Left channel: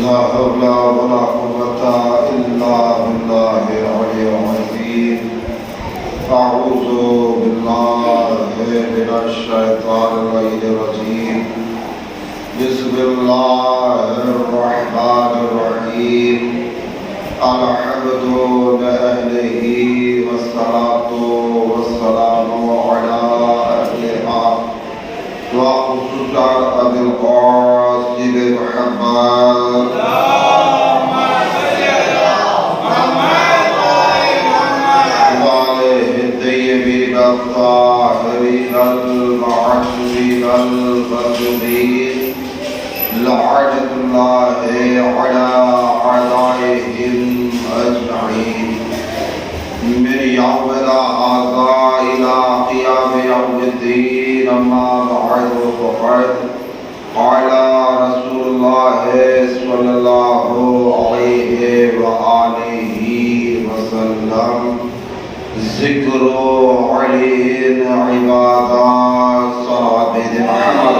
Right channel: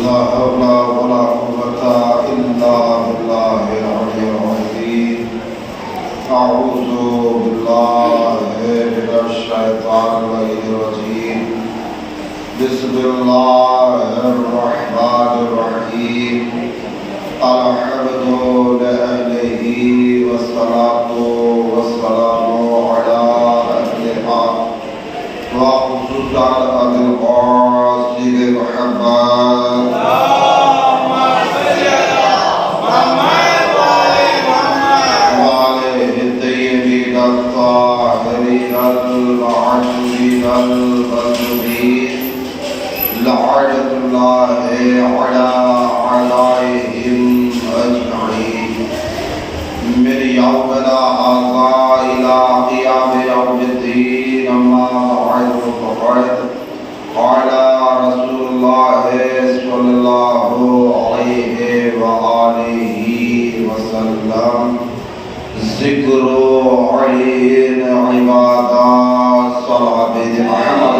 لا حول ولا قوة إلا بالله العلي العظيم. أعوذ بالله من الشيطان الرجيم. بسم الله الرحمن الرحيم. الحمد لله والصلاة والسلام على أهلها وخصوصا أبي القاسم محمد وعليه الطيبين الطاهرين المعصومين المظلومين لعنة الله على أعدائهم أجمعين من يومنا هذا إلى قيام يوم الدين. أما بعد فقد قال رسول الله صلى الله عليه وآله وسلم: ذكر علي عبادات صحابة محمد.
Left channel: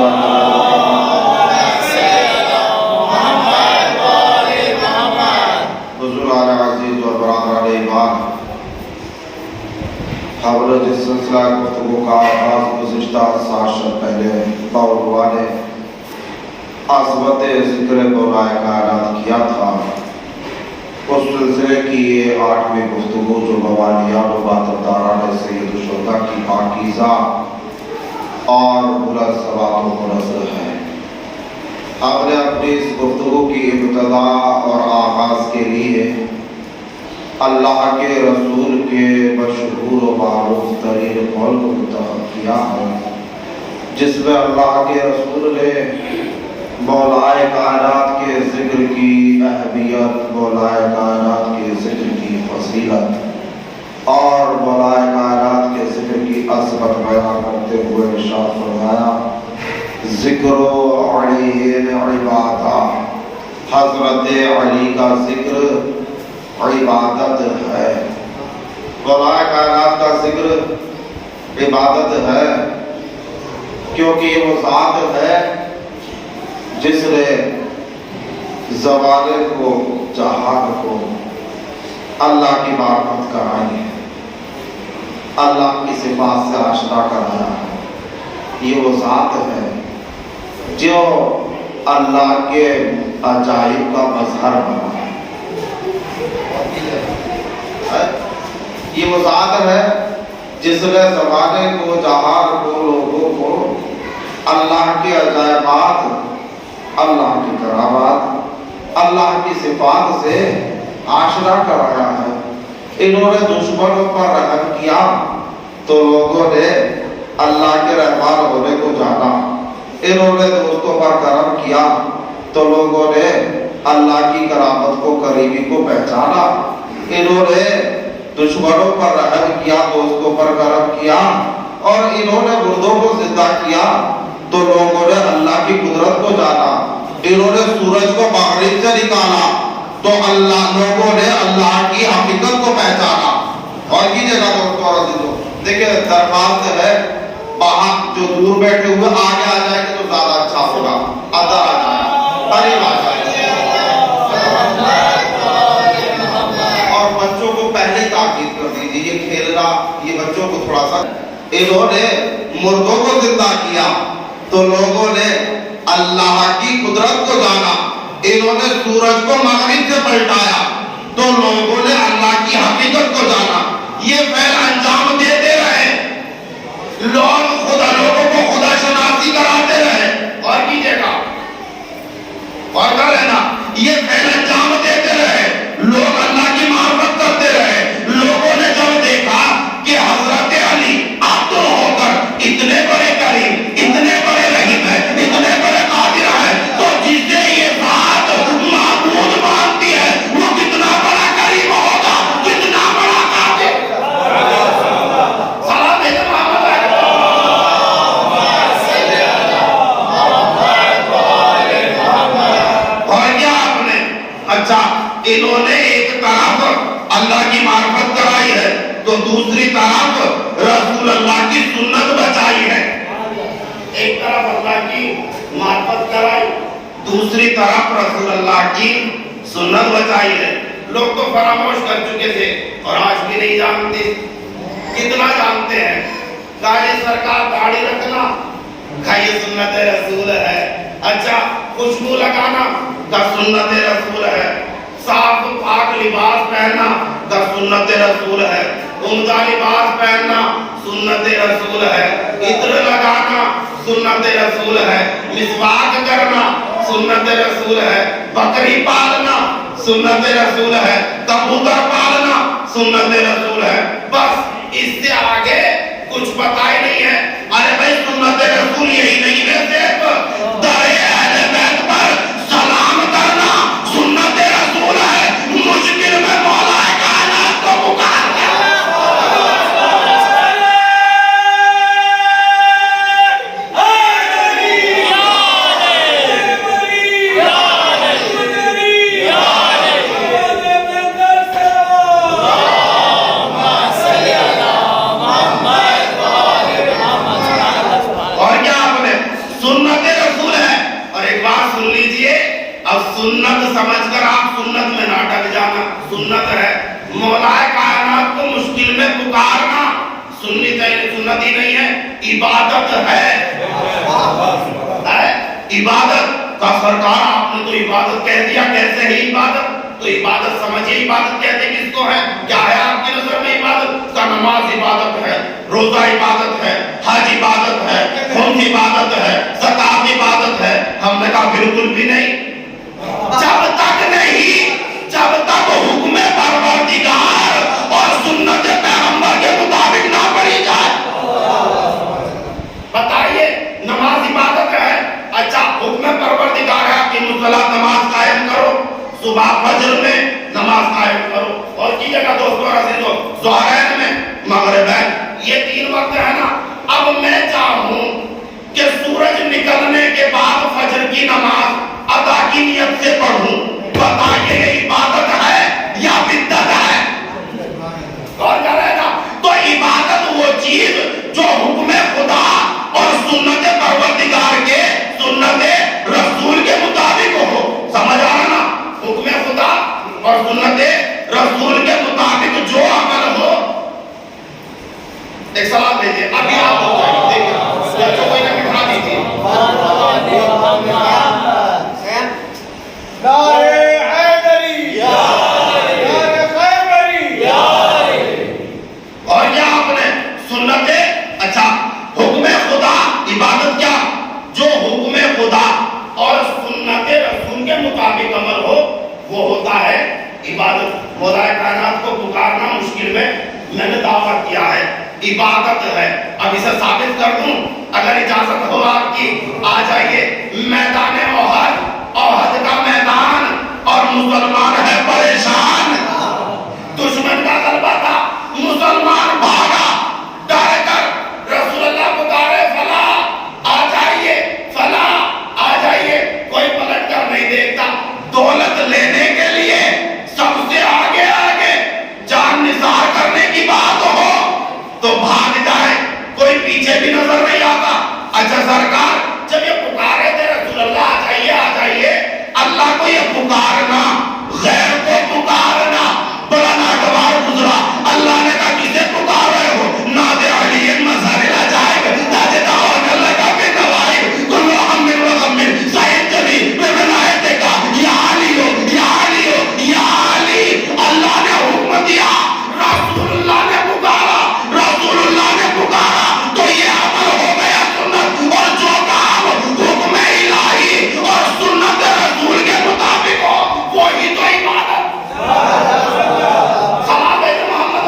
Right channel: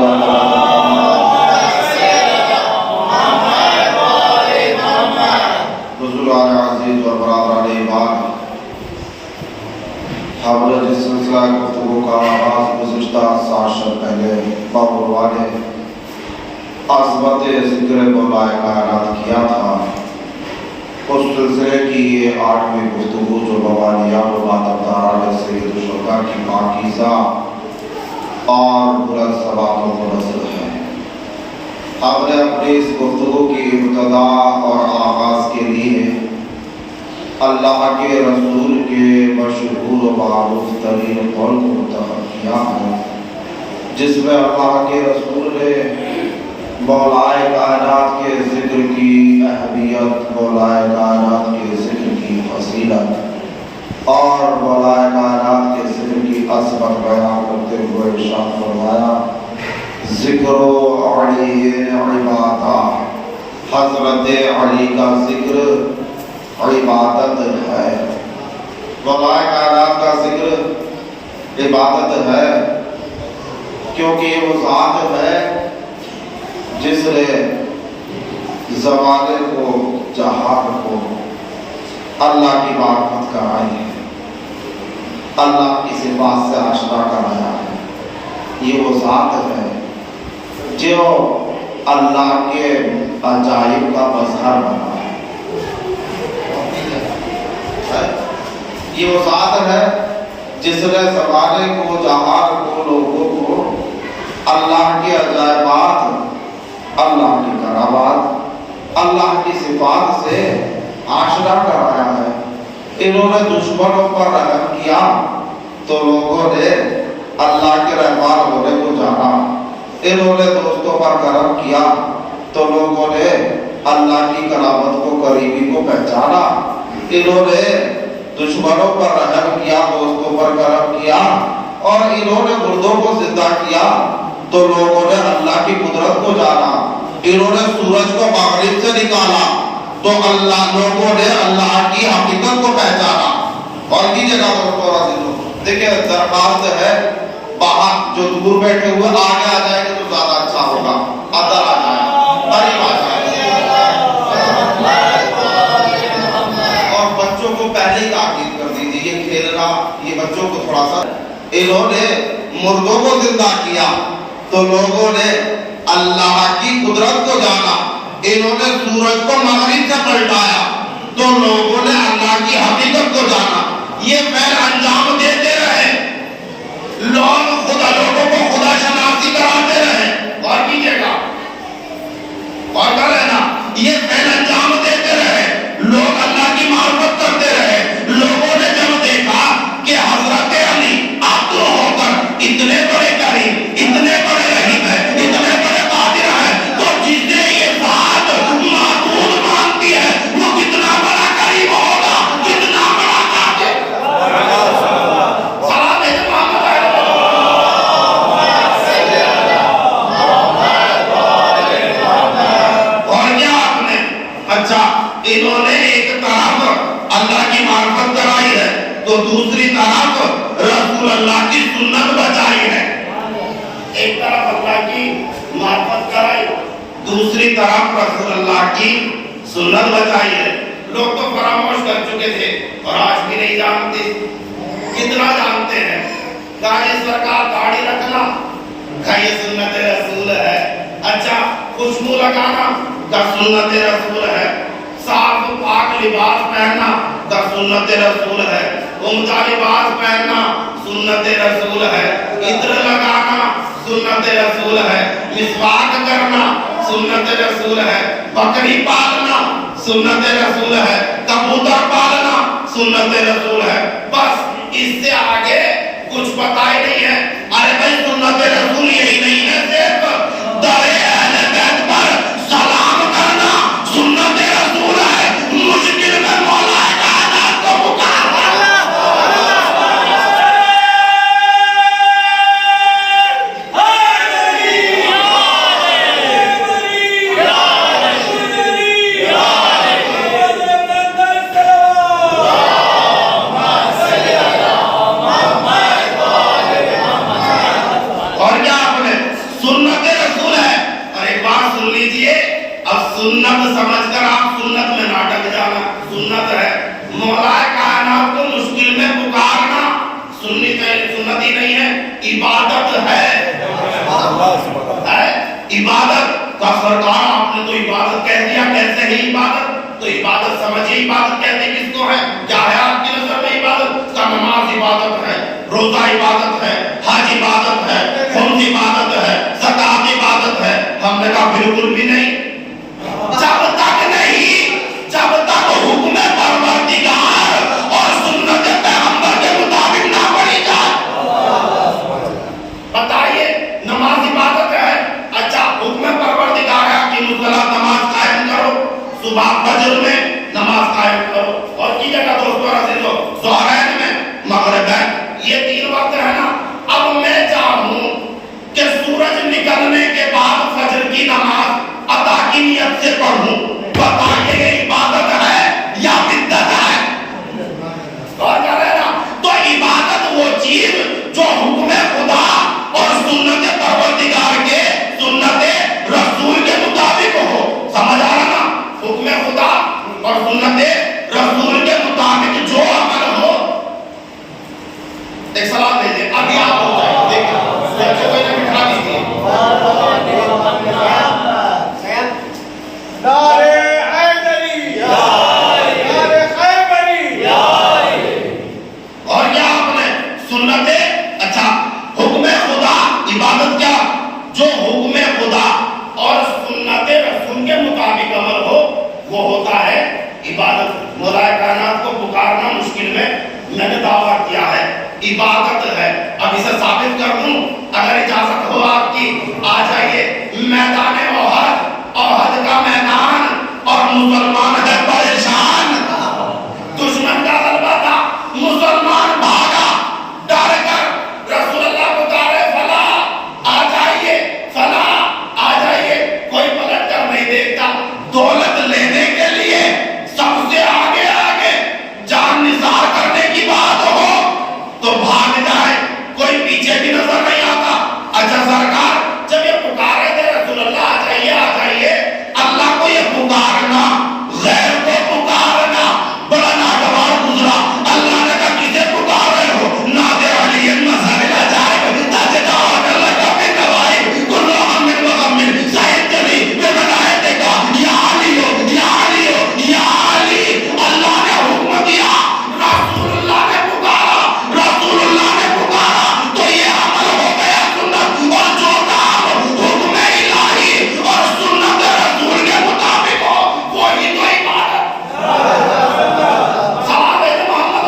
ہم نے جس سلسلہ گفتگو کا آغاز گزشتہ 7 شب پہلے باوروا نے عظمت ذکر مولا کائنات کیا تھا، اس سلسلے کی یہ 8ویں گفتگو جو موالیات و باتداران سید الشہداء کی پاکیزہ اور بلند ثوابوں کو نظر ہے. ہم نے اپنی اس گفتگو کی ابتدا اور آغاز کے لیے اللہ کے رسول کے مشہور و معروف ترین قول کو منتخب کیا ہے، جس میں اللہ کے رسول نے مولائے کائنات کے ذکر کی اہمیت، مولائے کائنات کے ذکر کی فضیلت اور مولائے کائنات کے ذکر کی عظمت بیان کرتے ہوئے ارشاد فرمایا: ذکر علی عبادہ، حضرت علی کا ذکر عبادت ہے. مولائے کائنات کا ذکر عبادت ہے کیونکہ یہ وہ ذات ہے جس نے زمانے کو، جہان کو اللہ کی معرفت کرائی ہے، اللہ کی صفات سے آشنا کرایا ہے. یہ وہ ذات ہے جو اللہ کے عجائب کا مظہر بنا ہے. یہ وہ ذات ہے جس نے زمانے کو، جہان کو، لوگوں کو اللہ کے عجائبات، اللہ کی کرامات، اللہ کی صفات سے آشنا کرایا ہے. انہوں نے دشمنوں پر رحم کیا تو لوگوں نے اللہ کے رحمان ہونے کو جانا. انہوں نے دوستوں پر کرم کیا تو لوگوں نے اللہ کی کرامت کو، قریبی کو پہچانا. انہوں نے دشمنوں پر رحم کیا، دوستوں پر کرم کیا اور انہوں نے مردوں کو زندہ کیا تو لوگوں نے اللہ کی قدرت کو جانا. انہوں نے سورج کو مغرب سے نکالا تو لوگوں نے اللہ کی حقیقت کو پہچانا. اور کی جگہ دیکھیں درخواست ہے، باہر جو دور بیٹھے ہوئے آگے آ جائیں گے تو زیادہ اچھا ہوگا. اندر آ جائیں، قریب آ جائیں. اور بچوں کو پہلے تاکید کر دیجیے، یہ کھیلنا، یہ بچوں کو تھوڑا سا. انہوں نے مردوں کو زندہ کیا تو لوگوں نے اللہ کی قدرت کو جانا. انہوں نے سورج کو مغرب سے پلٹایا تو لوگوں نے اللہ کی حقیقت کو جانا. یہ فعل انجام دیتے رہے، لوگوں کو خدا شناسی کراتے رہے. اور کیجیے گا اور کر لینا، یہ فعل انجام دیتے رہے، لوگ اللہ کی معرفت کرتے رہے. لوگوں نے جب دیکھا کہ حضرت علی آتو ہو کر اتنے بڑے کریم، اتنے بڑے رحیم ہے، اتنے بڑے قادر ہے، تو جسے یہ ذات معبود مانتی ہے وہ کتنا بڑا کریم ہوگا، کتنا بڑا قادر. سلام ہے محمد اور کیا آپ نے اچھا انہوں نے ایک طرف اللہ کی معرفت کرائی ہے تو دوسری طرف رسول اللہ کی سنت بچائی ہے. ایک طرف اللہ کی معرفت کرائی، دوسری طرف رسول اللہ کی سنت بتائی ہے. لوگ تو فراموش کر چکے تھے اور آج بھی نہیں جانتے. کتنا جانتے ہیں کہ سرکار داڑھی رکھنا کا یہ سنت رسول ہے. اچھا خوشبو لگانا کا سنت رسول ہے. صاف پاک لباس پہننا کا سنت رسول ہے. عمدہ لباس پہننا سنت رسول ہے. عطر لگانا سنت رسول ہے. مسواک کرنا سنت رسول ہے. بکری پالنا سنت رسول ہے. کبوتر پالنا سنت رسول ہے. بس اس سے آگے کچھ پتا ہی نہیں ہے. ارے بھائی سنت رسول یہی نہیں ہے صرف درے اہل بیت پر سلام کرنا سنت رسول ہے. مشکل میں مولا کائنات کو پکارنا. سنت سمجھ کر آپ سنت میں نہ ڈٹ جانا. سنت ہے مولا کائنات کو مشکل میں پکارنا. سنت ہی نہیں ہے عبادت ہے. عبادت کا سرکار آپ نے تو عبادت کہہ دیا. کیسے ہے عبادت؟ تو عبادت سمجھیے عبادت کہتے کس کو ہے؟ کیا ہے آپ کی نظر میں عبادت؟ کا نماز عبادت ہے, روزہ عبادت ہے, حج عبادت ہے, خمس عبادت ہے, زکات عبادت ہے. ہم نے کہا بالکل بھی نہیں. جب تک نہیں, جب تک حکم پروردگار اور سنت پیغمبر کے مطابق نہ پڑھی جائے. بتائیے نماز عبادت ہے. اچھا حکم پروردگار ہے کہ مصلی نماز قائم کرو, صبح فجر میں نماز قائم کرو, اور کی جگہ دوستو عزیزو ظہرین میں, مغربین, یہ 3 وقت ہے نا. اب میں چاہوں کہ سورج نکلنے کے بعد فجر کی نماز ادا کی نیت سے پڑھوں. بتائیے یہ عبادت ہے یا بدعت ہے؟ کون کہہ رہے نا؟ تو عبادت وہ چیز جو حکم خدا اور سنت پروردگار کے, سنت رسول کے مطابق ہو. سمجھ آ رہا نا؟ حکم خدا اور سنت رسول کے مطابق جو عمل ہو. ایک سوال دیجیے, ابھی آپ ہو جائیں دیکھیں بچوں کو انہیں بٹھا دیجیے. اور کیا آپ نے سنت, اچھا حکم خدا عبادت کیا جو حکم خدا اور سنت رسول کے مطابق عمل ہو وہ ہوتا ہے عبادت. مولا کائنات کو پکارنا مشکل میں نے دعویٰ کیا ہے عبادت ہے. اب اسے ثابت کر دوں اگر اجازت ہو آپ کی. آ جائیے میدان احد, احد کا میدان, اور مسلمان ہے پریشان. دشمن کا غلبہ تھا, مسلمان بھاگا ڈر کر. رسول اللہ پکارے فلاح آ جائیے, فلاح آ جائیے. کوئی پلٹ کر نہیں دیکھتا. دولت لینے کے لیے سب سے آگے آگے جان نثار کرنے کی بات ہو تو بھاگ جائے, کوئی پیچھے بھی نظر نہیں آتا. اچھا سرکار جب یہ پکارے تھے رسول اللہ آ جائیے آ جائیے, اللہ کو یہ پکارنا, غیر کو پکارنا بڑا ناگوار گزرا. اللہ نے کہا کسے پکار رہے ہو؟ نادر علی مظہر العجائب تاج دعوت اللہ کا بن نوائب کل ہم من وغم سید جبی بے ولایت کا یا علی یا علی یا علی. اللہ نے حکم دیا, رسول اللہ نے پکارا, رسول اللہ نے پکارا تو یہ عمل ہو گیا سنت. اور جو کام حکم الہی اور سنت رسول کے مطابق ہو وہی تو عبادت. سلام ہے محمد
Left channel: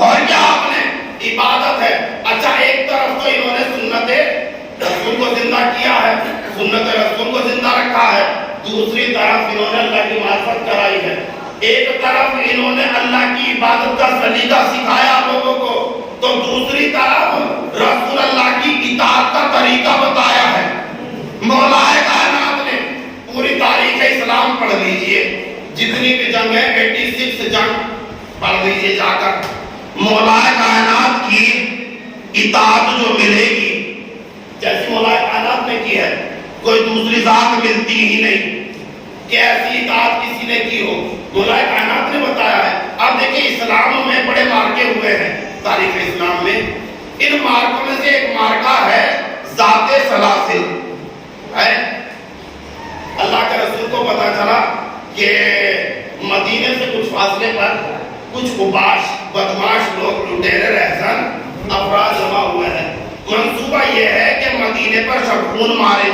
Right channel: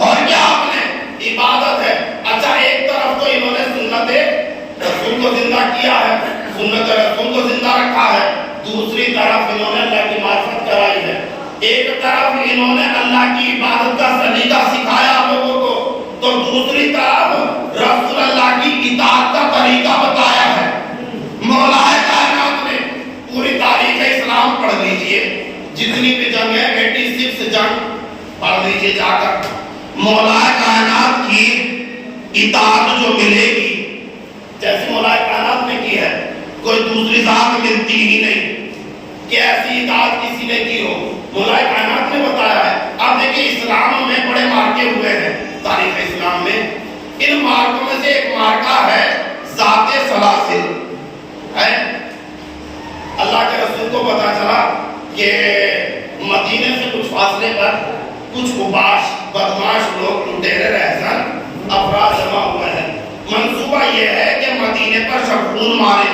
اور کیا آپ نے عبادت ہے. اچھا ایک طرف تو انہوں نے سنت رسول کو زندہ کیا ہے, سنت رسول کو زندہ رکھا ہے. دوسری طرف انہوں نے اللہ کی معرفت کرائی ہے. ایک طرف انہوں نے اللہ کی عبادت کا سلیقہ سکھایا لوگوں کو, تو دوسری طرف رسول اللہ کی اطاعت کا طریقہ بتایا ہے. مولا کائنات نے پوری تاریخ اسلام پڑھ لیجئے, جتنی بھی جنگ ہے 86 جنگ پڑھ لیجئے جا کر. مولا کائنات کی اطاعت جو ملے گی جیسی مولا کائنات نے کی ہے کوئی دوسری ذات ملتی ہی نہیں کہ ایسی اطاعت کسی نے کی ہو. مولا کائنات نے بتایا ہے. اب دیکھیں اسلام میں بڑے مارکے ہوئے ہیں تاریخ اسلام میں. ان مارکوں میں سے ایک مارکہ ہے ذات سلاسل ہے. اللہ کے رسول کو پتا چلا کہ مدینے سے کچھ فاصلے پر کچھ بدماش لوگ لٹیرے رہزن افراد جمع ہوئے ہیں. منصوبہ یہ ہے کہ مدینے پر شبخون مارے,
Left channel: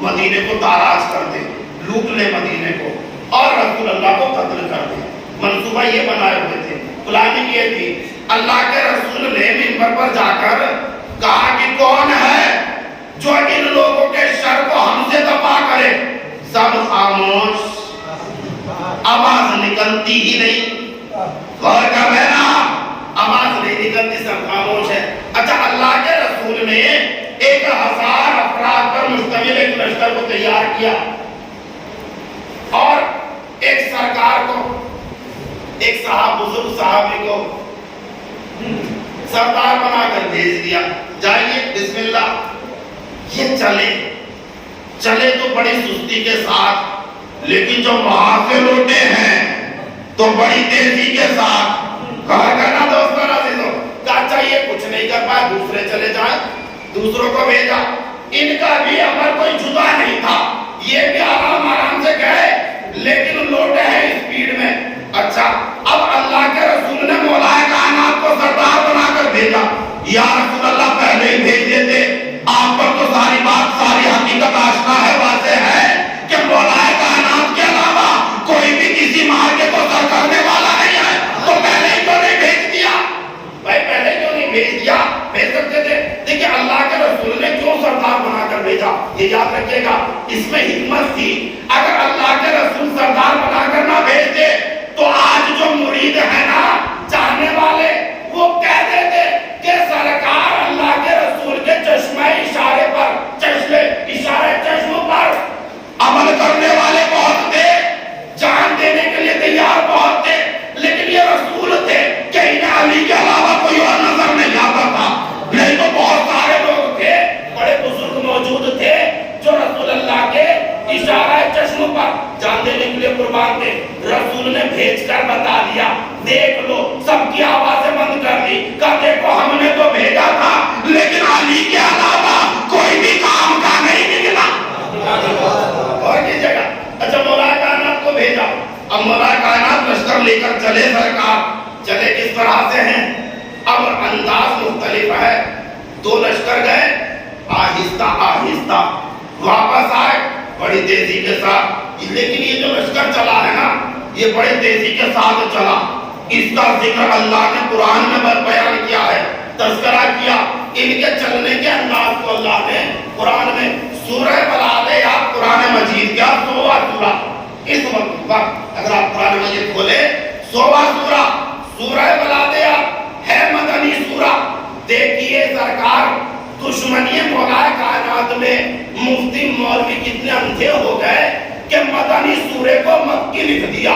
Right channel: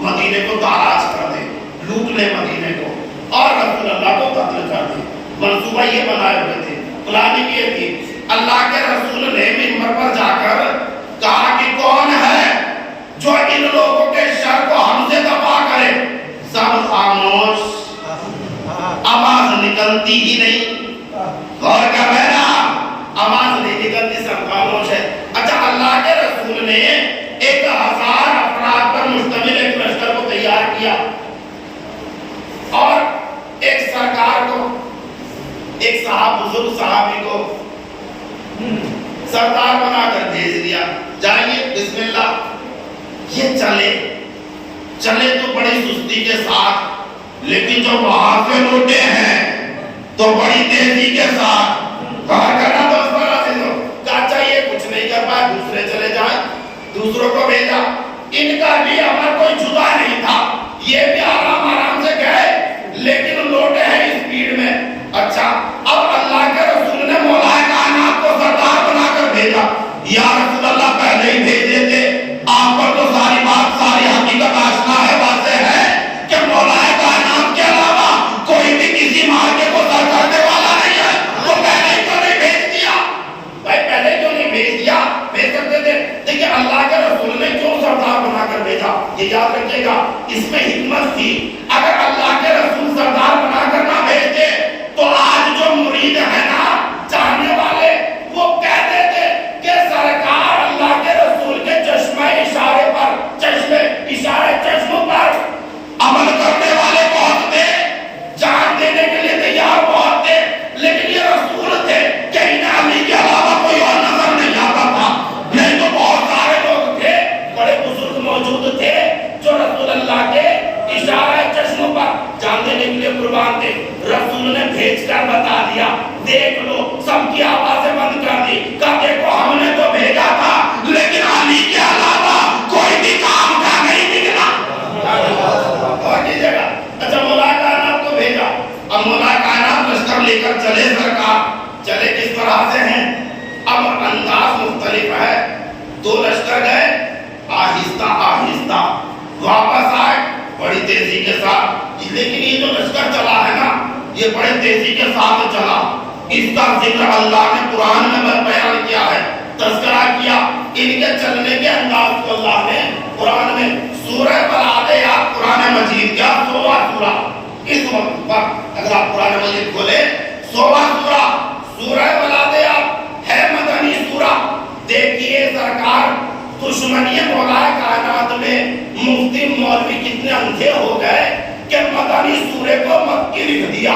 مدینے کو تاراج کر دیں, لوٹ لیں مدینے کو اور رسول اللہ کو قتل کر دیں. منصوبہ یہ بنائے ہوئے تھے, پلاننگ یہ تھی. اللہ کے رسول نے منبر پر جا کر کہا کہ کون ہے جو ان لوگوں کے شر کو ہم سے دفع کرے. سب خاموش, آواز نکلتی ہی نہیں. غور کا بہنا, آواز نہیں نکلتی, سب خاموش ہے. اچھا, اللہ کے رسول نے 1000 افراد پر مشتمل ایک لشکر کو تیار کیا اور ایک سرکار کو, ایک بزرگ صحابی کو سردار بنا کر بھیج دیا. جائیے بسم اللہ. یہ چلے تو بڑی سستی کے ساتھ, لیکن جب وہاں سے لوٹے ہیں تو بڑی تیزی کے ساتھ. کہا کرنا تو اس طرح سے کہا چاہیے کچھ نہیں کر پائے, دوسرے چلے جائیں. دوسروں کو بھیجا. ان کا بھی عمل کوئی جدا نہیں تھا, یہ بھی آرام سے گئے لیکن لوٹے ہیں اسپیڈ میں. اچھا, اب اللہ کے رسول نے مولا کائنات کو سردار بنا کر بھیجا. یا رسول اللہ, پہلے ہی بھیج دیتے, آپ پر تو ساری بات ساری حقیقت آشنا ہے, واضح ہے کہ مولا کائنات کے علاوہ کوئی بھی کسی معاہدے کو سر کرنے والا نہیں ہے, تو پہلے ہی کیوں نہیں بھیج دیا؟ بھائی پہلے کیوں نہیں بھیج دیا؟ بھیج سکتے تھے. دیکھیں اللہ کے رسول نے کیوں سردار بنا کر بھیجا, یہ یاد رکھیے گا, اس میں حکمت تھی. اگر اللہ کے رسول سردار بنا کر نہ بھیجتے تو آج جو مرید ہے نا, چاہنے والے, وہ کہہ دیتے کہ سرکار اللہ کے رسول کے چشمہ اشارے چشم پر عمل کرنے والے بہت تھے, جان دینے کے لیے تیار بہت تھے, لیکن یہ رسول تھے کہ انہیں علی کے علاوہ کوئی اور نظر نہیں آتا تھا. نہیں تو بہت سارے لوگ تھے, بڑے بزرگ موجود تھے جو رسول اللہ کے اشارہ چشم پر جان دینے کے لیے قربان تھے. رسول نے بھیج کر بتا دیا, دیکھ لو, سب کی آوازیں بند کر دی. کہا دیکھو ہم نے تو بھیجا تھا لیکن علی کے علاوہ کوئی بھی کام کا نہیں نکلا. اور کی جگہ اچھا مولا کائنات کو بھیجا. اب مولا کائنات لشکر لے کر چلے, سرکار چلے کس طرح سے ہیں, اب انداز مختلف ہے. 2 لشکر گئے, آہستہ آہستہ واپس آئے بڑی تیزی کے ساتھ. لیکن یہ جو لشکر چلا ہے نا, یہ بڑی تیزی کے ساتھ چلا. اس کا ذکر اللہ نے قرآن میں بیان کیا ہے, تذکرہ کیا. ان کے چلنے کے انداز کو اللہ نے قرآن میں سورہ بلادیات, قرآن مجید کا 100واں سورہ. اس وقت پر اگر آپ قرآن مجید کھولے 100واں سورہ, سورہ بلادیات ہے, مدنی سورہ. دیکھیے سرکار, دشمنی مولا کائنات میں مفتی مولوی کتنے اندھے ہو گئے کہ مدنی سورے کو مکی لکھ دیا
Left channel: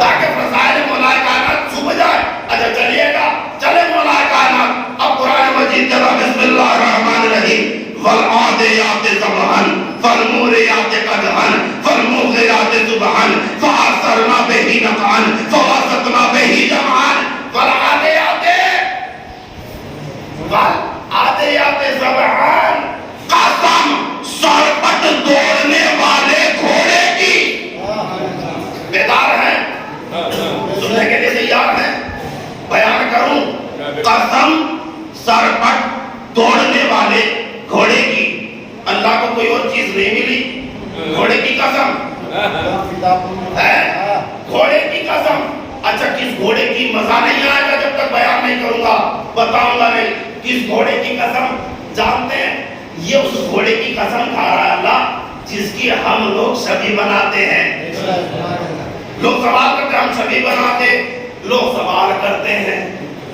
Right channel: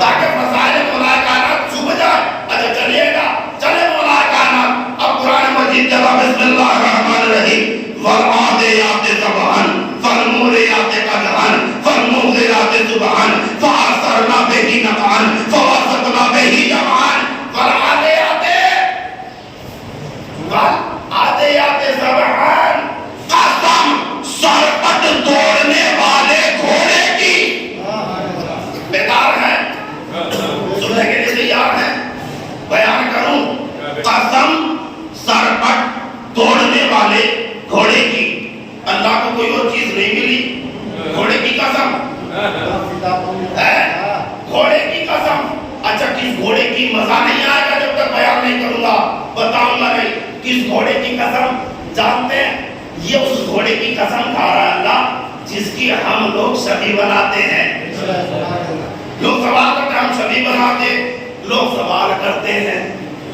تاکہ فضائل مولا کائنات چھپ جائے. اچھا چلیے گا, چلے مولا کائنات. اب قرآن مجید کا بسم اللہ الرحمن الرحیم. والعادیات ضبحا فالموریات قدحا فالمغیرات صبحا فأثرن به نقعا فوسطن به جمعا. والعادیات ضبحا, قسم سرپٹ دوڑنے والے گھوڑے کی. بیدار ہیں, سننے کے لیے تیار ہیں, بیان کروں. قسم سرپٹ دوڑنے والے گھوڑے کی. اللہ کو کوئی اور چیز نہیں ملی, گھوڑے کی قسم ہے, گھوڑے کی قسم. اچھا, کس گھوڑے کی مزہ نہیں آئے گا جب تک بیان نہیں کروں گا, بتاؤں گا نہیں. کس گھوڑے کی قسم جانتے ہیں؟ یہ اس گھوڑے کی قسم کھا رہا ہے اللہ جس کی ہم لوگ شبیہ بناتے ہیں. لوگ سوال کرتے ہیں, ہم شبیہ بناتے, لوگ سوال کرتے ہیں.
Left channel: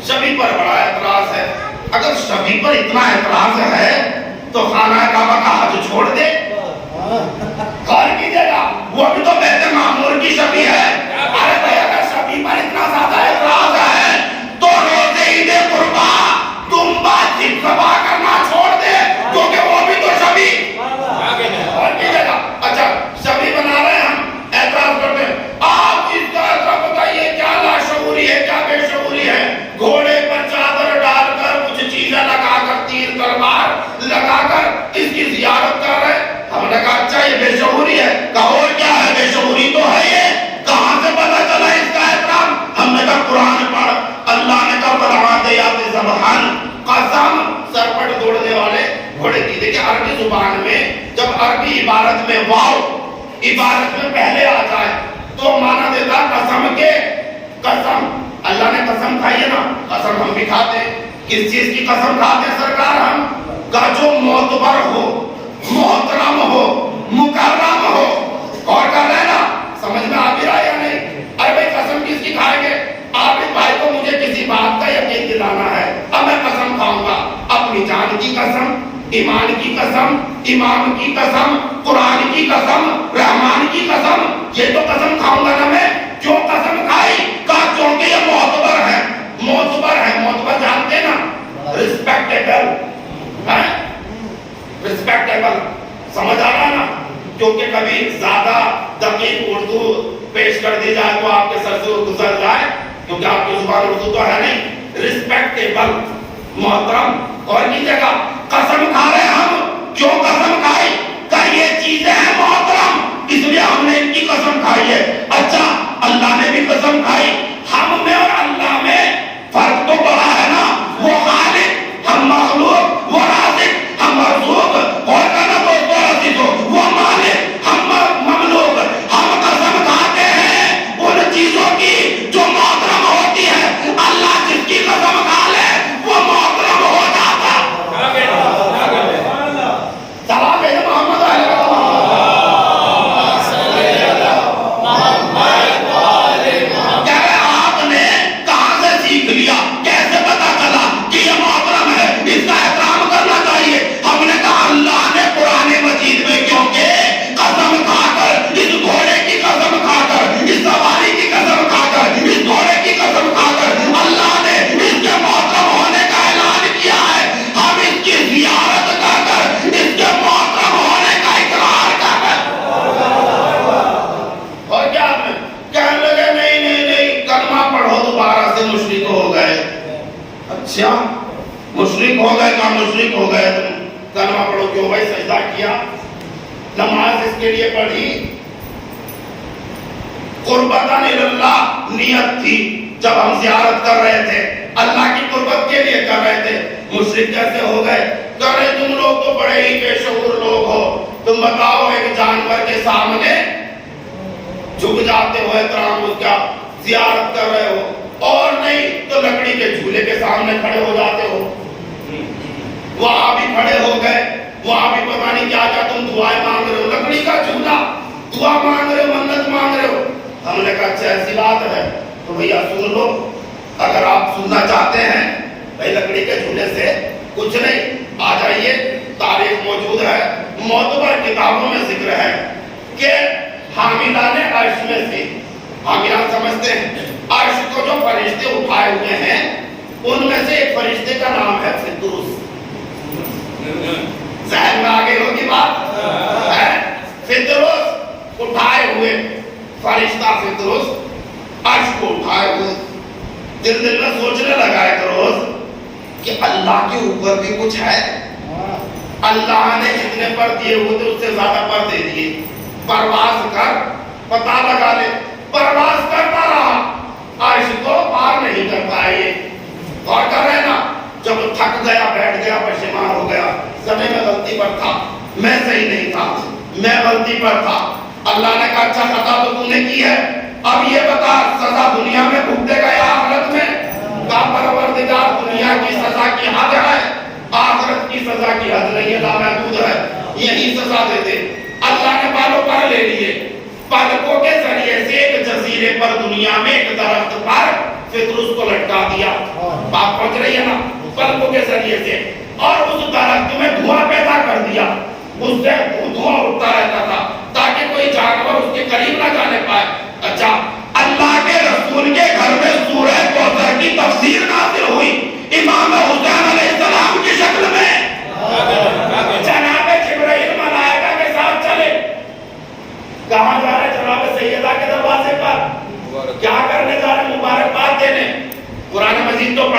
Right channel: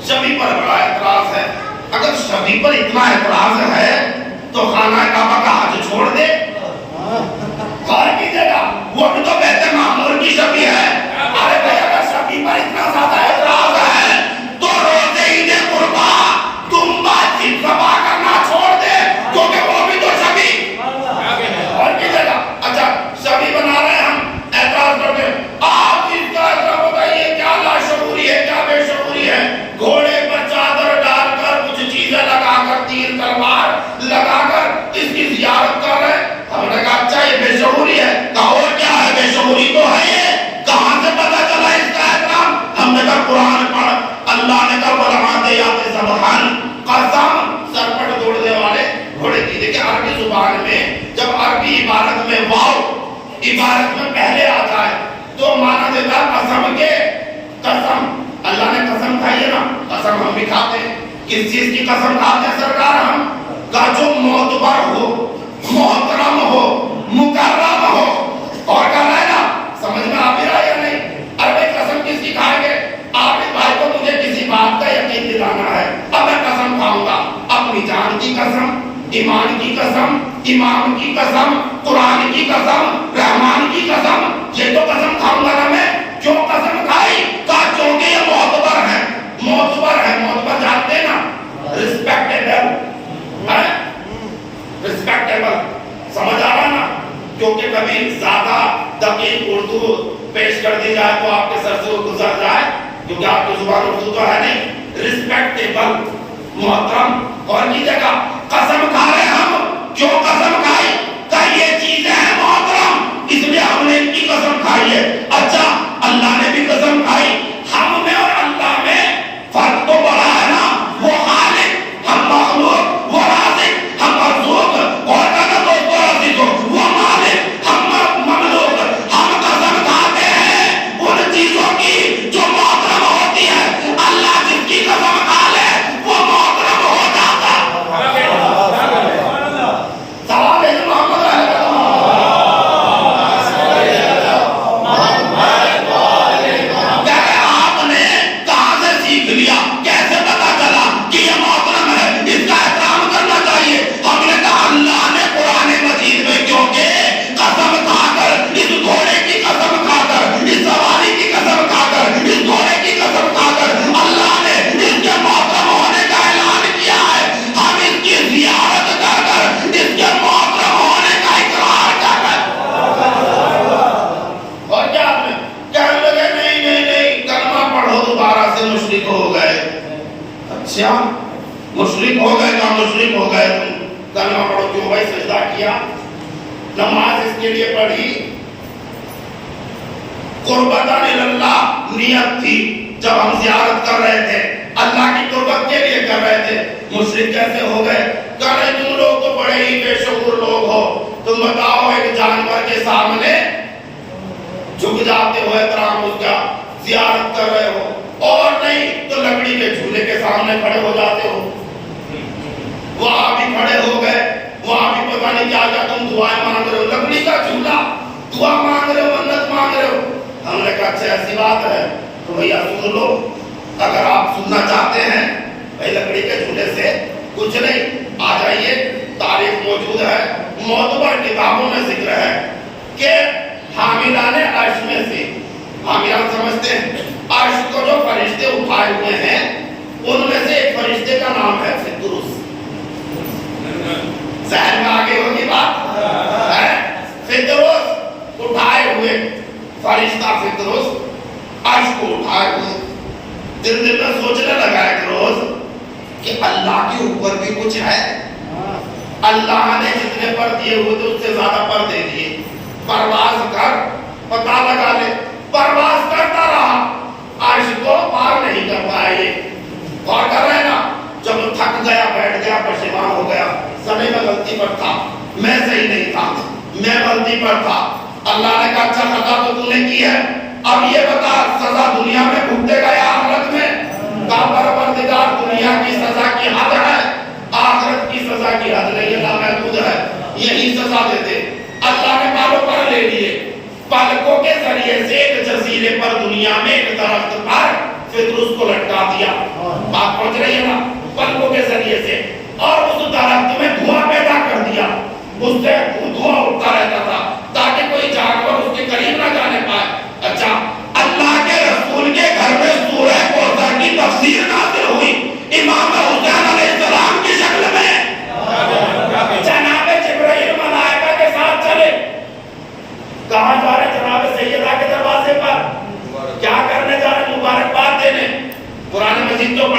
شبیہ پر بڑا اعتراض ہے. اگر شبیہ پر اتنا اعتراض ہے تو خانہ کعبہ کا حج چھوڑ دے. غور کیجیے گا, وہ بھی تو بیت معمور کی شبیہ ہے. ارے بھائی, اگر شبیہ پر اتنا زیادہ اعتراض ہے تو روزے عید قربا دمبا گھوڑے پر چادر ڈال کر کچھ چیزیں لگا کر تیر تلوار لگا کر اس کی زیارت کر رہے. ہم نے کہا اچھا یہ بے شعوری ہے. کہا اور کیا ہے؟ بے شعوری تو ہے یہ. کہاں سے پتا چلا اس کا احترام؟ ہم نے کہا قرآن پڑھ. اللہ نے کہا والعادیات ضبحا. قسم سر پٹ دوڑنے والے گھوڑے کی. دیکھیں عربی زبان میں جب عربی عبارت میں واو عبارت میں پہلے آ جائے تو معنی دیتا قسم کے. قسم اللہ نے قسم کھائی ہے نا. قسم ہم بھی کھاتے ہیں. کس چیز کی قسم کھاتے ہیں سرکار ہم؟ کا جو معتبر ہو, محترم ہو, مکرم ہو. اور کہہ رہے نا سمجھ میں آ بھی رہا ہے یا نہیں؟ ارے بھائی قسم کس کی کھائیں گے؟ عابد بھائی کو مجھے کسی بات کا یقین دلانا ہے, اب میں قسم کھاؤں گا. اپنی جان کی قسم, ایمان کی قسم, امام کی قسم, قرآن کی قسم, رحمان کی قسم. یہ تو قسم کھاؤں گا نا میں. جو قسم کھائی کہا چونکہ یہ معتبر ہے. معتبر ہے, معتبر جانتے ہیں نا, رسپیکٹیبل ہے, رسپیکٹیبل. سمجھ آ رہا نا؟ کیونکہ کبھی زیادہ دقیق اردو پیش کر دی جائے تو آپ کے سر سے گزر جائے, کیونکہ آپ کی زبان اردو تو ہے نہیں. رسپیکٹیبل, محترم. اور کی جگہ قسم کھا رہے ہم. کیوں قسم کھائی؟ کہ یہ چیزیں ہیں محترم, اس لیے ہم نے ان کی قسم کھائی ہے. اچھا اللہ نے بھی قسم کھائی. ہم میں اور اللہ میں فرق تو بڑا ہے نا. وہ خالق, ہم مخلوق. وہ رازق, ہم مرزوق. اور کہنا دوستو عزیزو, وہ مالک, ہم مملوک. ہم قسم کھاتے ہیں ان چیزوں کی جو محترم ہوتی ہے. اللہ جس کی قسم کھا لے وہ محترم ہو جاتا. سلام ہے محمد علیہ مشرک ہو گئے. کا مشرک ہو گئے تم, کلمہ پڑھو. کیوں بھائی؟ سجدہ کیا, نماز اس کے لیے پڑھی, قربتاً اللہ نیت تھی. جب ہم زیارت کر رہے تھے اللہ کی قربت کے لیے کر رہے تھے. مشرک کیسے ہو گئے؟ کہہ رہے تم لوگ تو بڑے ہی بے شعور لوگ ہو. تم بتاؤ ایک جانور کے سامنے جھک جاتے ہو, احترام اس کا زیارت کر رہے ہو, اور نہیں تو لکڑی کے جھولے کے سامنے کھڑے ہو جاتے ہو. وہاں بھی کھڑے ہو گئے, وہاں بھی پتہ نہیں کیا کیا تم دعائیں مانگ رہے ہو. لکڑی کا جھولا, دعا مانگ رہے ہو, منت مانگ رہے ہو. ہم نے کہا اچھا ایسی بات ہے تو بھیا سن لو. اگر آپ سننا چاہتے ہیں بھائی لکڑی کے جھولے سے کچھ نہیں, آ جائیے. تاریخ موجود ہے, معتبر کتابوں میں ذکر ہے کہ حاملان عرش میں سے, حاملان سمجھتے ہیں, عرش کو جو فرشتے اٹھائے ہوئے ہیں ان میں سے ایک فرشتے کا نام ہے فطرس. ذہن میں آگے ہوگی بات ہے. فطرس اٹھائے ہوئے فرشتہ, فطرس عرش کو اٹھائے ہوئے. دل میں سوچنے لگا ایک روز کہ اللہ کے اوپر بھی کچھ ہے. اللہ نے جتنے پر دیے ہوئے تھے اس سے زیادہ پر دے دیے. پرواز کر, پتہ لگا لے. پرواز کرتا رہا, عرش کو پار نہیں کر پائے. اور کر رہے نا, جب تھک گیا, بیٹھ گیا, پشیمان ہو گیا, سمجھ میں غلطی پر تھا, میں صحیح نہیں تھا, میں غلطی پر تھا. اللہ نے کہا اچھا سزا تو تو نے کی ہے, اب یہ بتا سزا دنیا میں بھگتے گا یا آخرت میں؟ کہا پروردگار دنیا کی سزا کی حد ہے, آخرت کی سزا کی حد نہیں ہے, لامحدود ہے, یہی سزا دیتے. اللہ نے پاروں پر لے لیے, پلکوں کے ذریعے سے ایک جزیرے پر دنیا میں ایک درخت پر فطرس کو لٹکا دیا. بات پہنچ رہی ہے نا؟ پلکوں کے ذریعے سے, اور اس درخت میں دھواں پیدا کر دیا. اس سے دھواں اٹھتا رہتا تھا تاکہ کوئی جانور اس کے قریب نہ جانے پائے. اچھا اللہ کے رسول کے گھر میں سورہ کوثر کی تفسیر نازل ہوئی امام حسین علیہ السلام کی شکل میں. جناب جبرائیل ملائکہ کے ساتھ چلے. کہاں جا رہے جناب سیدہ کے دروازے پر؟ کیا کرنے جا رہے؟ مبارکباد دینے. قرآن مجید تو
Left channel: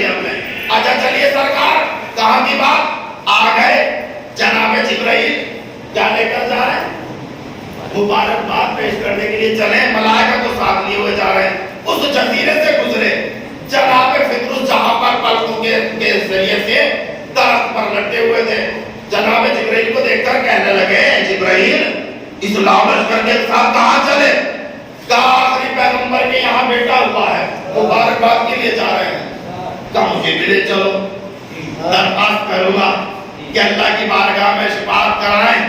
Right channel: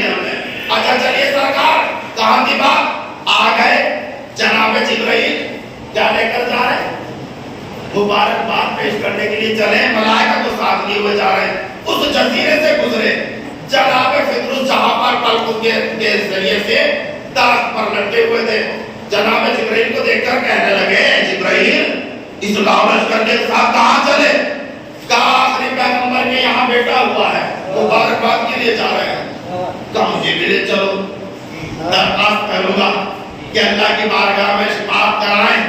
رہی ہے ہمیں. اچھا چلیے سرکار کہاں کی بات آ گئے جناب جبرائیل کیا لے کر جا رہے ہیں؟ مبارکباد پیش کرنے کے لیے چلے. ملائکہ کو ساتھ لیے ہوئے جا رہے ہیں. اس جزیرے سے گزرے جناب فطرس جہاں پر پلکوں کے ذریعے سے درخت پر لٹکے ہوئے تھے. جناب جبرائیل کو دیکھ کر کہنے لگے جبرائیل اس لشکر کے ساتھ کہاں چلے؟ کہا آخری پیغمبر کے یہاں بیٹا ہوا ہے مبارکباد کے لیے جا رہے ہیں. کہا مجھے بھی لے چلو. درخواست کروں گا کہ اللہ کی بارگاہ میں شفاعت کرائیں.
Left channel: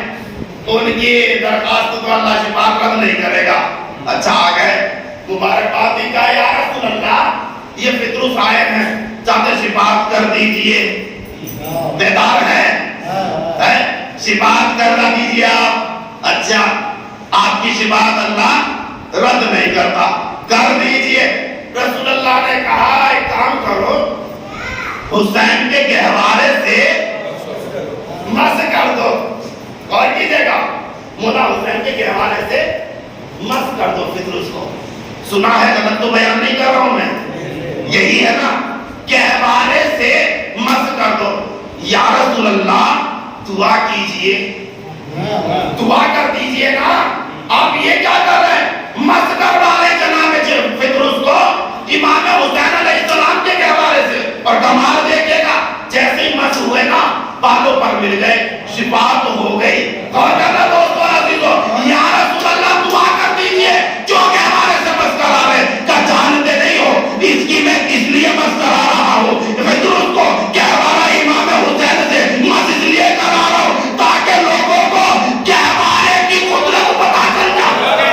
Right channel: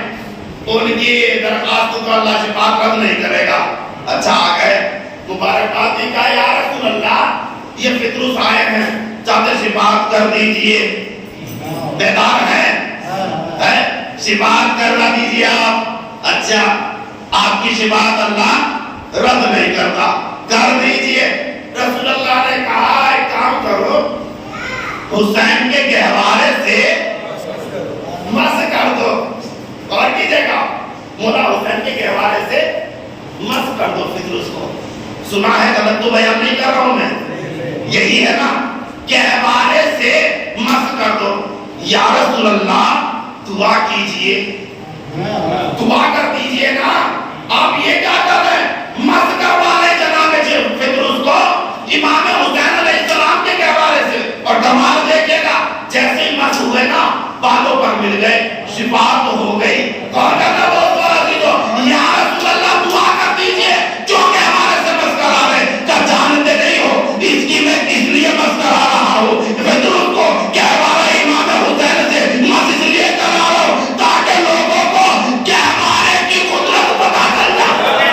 ان کی درخواست کو اللہ شفاعت رد نہیں کرے گا. اچھا آ گئے مبارکباد کی. کہا یا رسول اللہ یہ فطرس آئے ہیں چاہتے شفاعت کر دیجئے. بیدار ہیں شفاعت کرنا دیجئے آپ. اچھا آپ کی شفاعت اللہ رد نہیں کرتا کر دیجئے. رسول اللہ نے کہا ایک کام کرو حسین کے گہوارے سے مس کر دو. اور کیجئے گا مولا حسین کے گہوارے سے مس کر دو فطرس کو. سنا ہے غلط تو بیان نہیں کر رہا ہوں میں. یہی ہے نا گہوارے سے مس کر دو. یا رسول اللہ دعا کیجئے دعا کر دیجئے نا. آپ یہ کیا کر رہے ہیں؟ مس کروا لے جناب فطرس کو امام حسین علیہ السلام کے گہوارے سے. اور کمال دیکھیے گا جیسے ہی مس ہوئے نا بالوں پر مل گئے شفا تو ہو گئی. کون کہتا دوستو عزیزو یا رسول اللہ دعا کر دیجئے جو گہوارے سے مس کرا رہے. کیا جانتے نہیں ہو اس کی میں اس لیے مس کرا رہا ہوں فطرس کو گہوارہ امام حسین سے مس اس لیے کرا رہا ہوں تاکہ لوگوں کو گہوارے کی قدرت پتا چل جائے.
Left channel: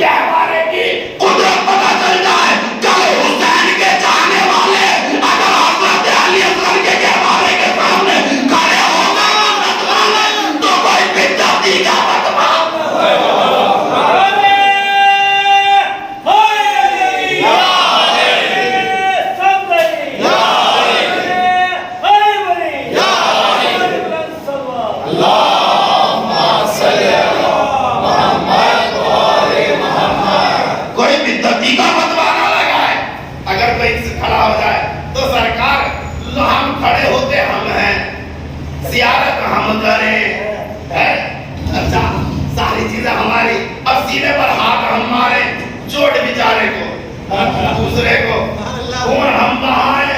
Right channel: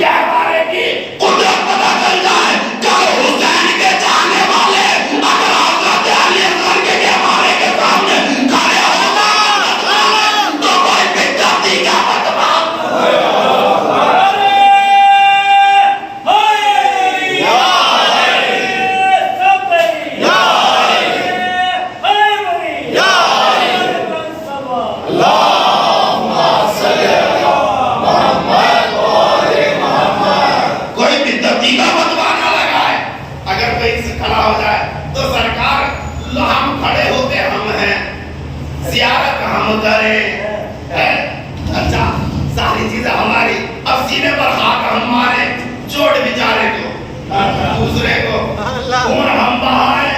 گہوارے کی قدرت پتا چل جائے. کل حسین کے جانے والے اگر حضرت علی اصغر کے گہوارے کے سامنے کھڑے ہو گئے تو کوئی بدعتی کا فتویٰ زیارت ہم کریں. اچھا ساری چیزیں ہماری. اب سینے پر ہاتھ ہم مارے چوٹ بیچارے کو دوسرے کو خون ہم بہائے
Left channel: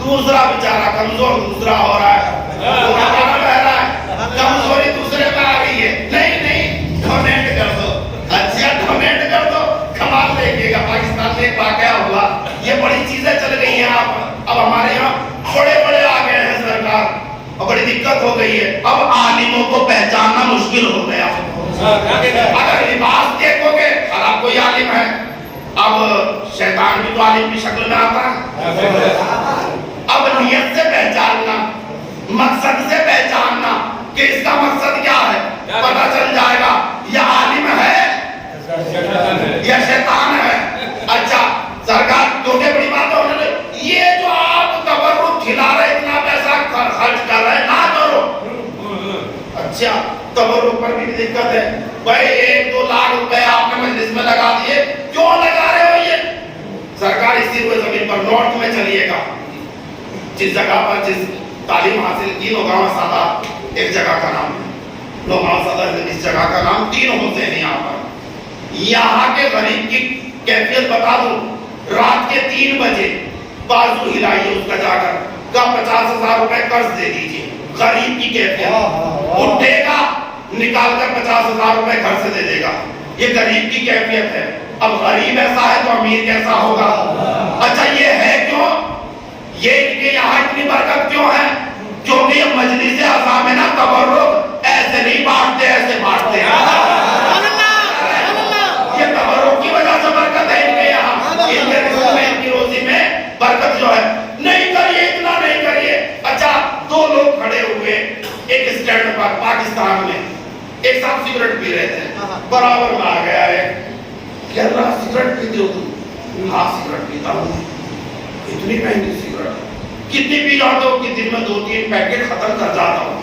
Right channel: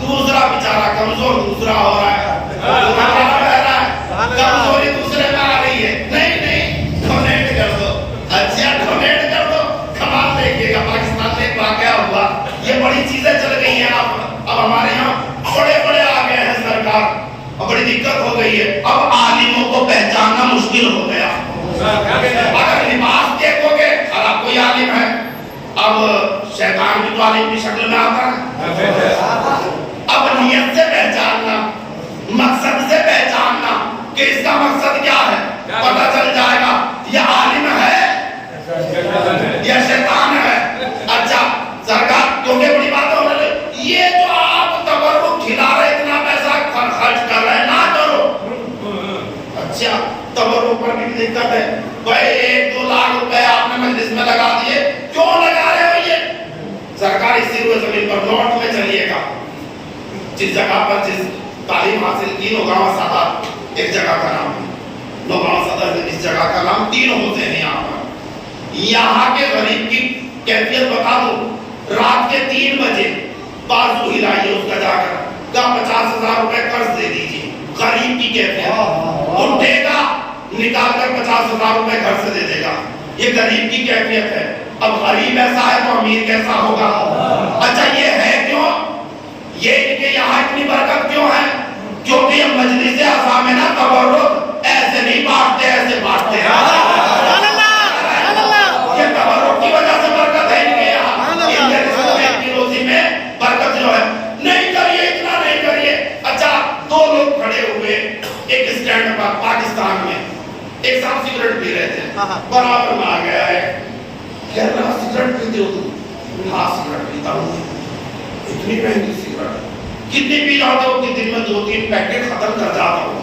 دوسرا بیچارہ کمزور دوسرا ہو رہا ہے بہ رہا ہے کمزوری دوسرے پہ آ رہی ہے. نہیں نہیں ڈونیٹ کر دو. اچھا ڈونیٹ کر دو. کمال دیکھیے گا پاکستان میں ایک واقعہ ہوا. یہ بڑی چیزیں چل گئی ہیں. اب ہمارے یہاں بڑے بڑے آ گئے ہیں سرکار. بڑی دقت ہو گئی ہے. اب عالموں کو پہچاننا مشکل ہو گیا. اگر لباس دیکھو گے اور آپ کوئی عالم ہے. اب شیطان بھی تو عالم کی شکل میں آتا ہے. اب نیت سے پہچاننا مقصد سے پہچاننا کہ اس کا مقصد کیا ہے پتہ چل جائے گا. یہ عالم ہے یا شیطان ہے. اچھا سرکار کیونکہ بڑی بات ہو رہی ہے یہ جو آپ تبرک کھلا رہے اتنا پیسہ خرچ کر رہے ہیں نہ کرو. اچھا تبرک پر بھی دقت ہے. بھائی 1-2 لاکھ روپے آپ نے مجلس میں لگا دیے کیوں لگا رہے ہو؟ یہ سرکار اسی روئے زمین پر نارتھ میں چلیے گا جس جگہ پر جس تعلیم حاصل کی نوگاں سادات ایک جگہ کا نام ہے. نوگاں سادات اس جگہ کا نام 3 حسین ہیں یہاں پر. یہاں کے غریب کی کیفیت بتا دوں. رات کے 3 بجے بازو ہلائیے اس کا جا کر کا 50,000 روپے قرض دے دیجئے. غریب کی کیفیت اٹھے گا نکال کر 50,000 روپے گھر سے دے دے گا. یہ غریب کی کیفیت ہے. اب غریب ایسا ہے تو امیر کیسا ہوگا؟ اچھا یہ ہے کیوں؟ یہ کہ یہاں اتنی برکت کیوں ہے؟ کیونکہ یہ مجلس عظامنا تبرک ایسے نہیں بانٹتے ایسے بانٹتے ہیں. یہ تبرک کی وجہ سے برکت ہے ان کے یہاں. ان کے رزق میں ان کی روزی میں برکت جو ہے. نہیں کریے اتنا نہیں کریے. اچھا 2 لوگ کھڑے ہوئے ایک اسٹینڈ پر پاکستان میں ایک ساتھ سگریٹ پی رہے تھے. برابر میں آ گیا ہے کہ اللہ سگریٹ پیتے ہو تم؟ ہاں سگریٹ پیتا ہوں. اتنی مہنگی سگریٹ کتنی پی جاتے ہو؟ کہ دن میں 2-3 پیکٹ ختم کر جاتا ہوں.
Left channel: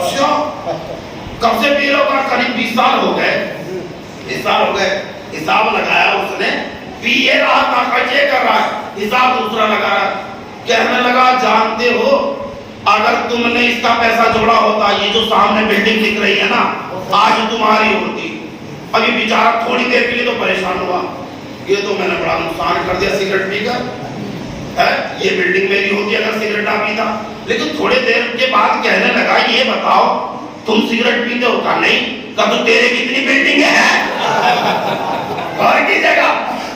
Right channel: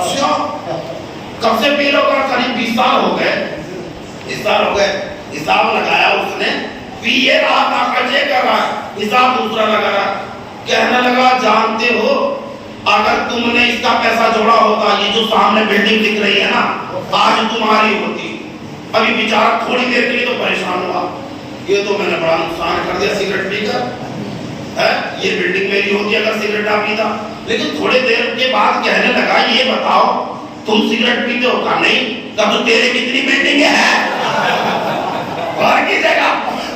اچھا کب سے پی رہا ہوں؟ قریب 20 سال ہو گئے. 20 سال ہو گئے. حساب لگایا اس نے پیے رہا تھا، خرچے کر رہا ہے، حساب دوسرا لگا رہا ہے. کہنے لگا جانتے ہو اگر تم نے اس کا پیسہ جوڑا ہوتا یہ جو سامنے بلڈنگ دکھ رہی ہے نا آج تمہاری ہوتی. ابھی بیچارہ تھوڑی دیر کے لیے تو پریشان ہوا، یہ تو میں نے بڑا نقصان کر دیا سگریٹ پی کر، یہ بلڈنگ میری ہوتی اگر سگریٹ نہ پیتا. لیکن تھوڑے دیر کے بعد کہنے لگا یہ بتاؤ تم سگریٹ پیتے ہو؟ کہا نہیں. کہا تو تیرے کتنی بلڈنگیں ہیں گھر کی جگہ.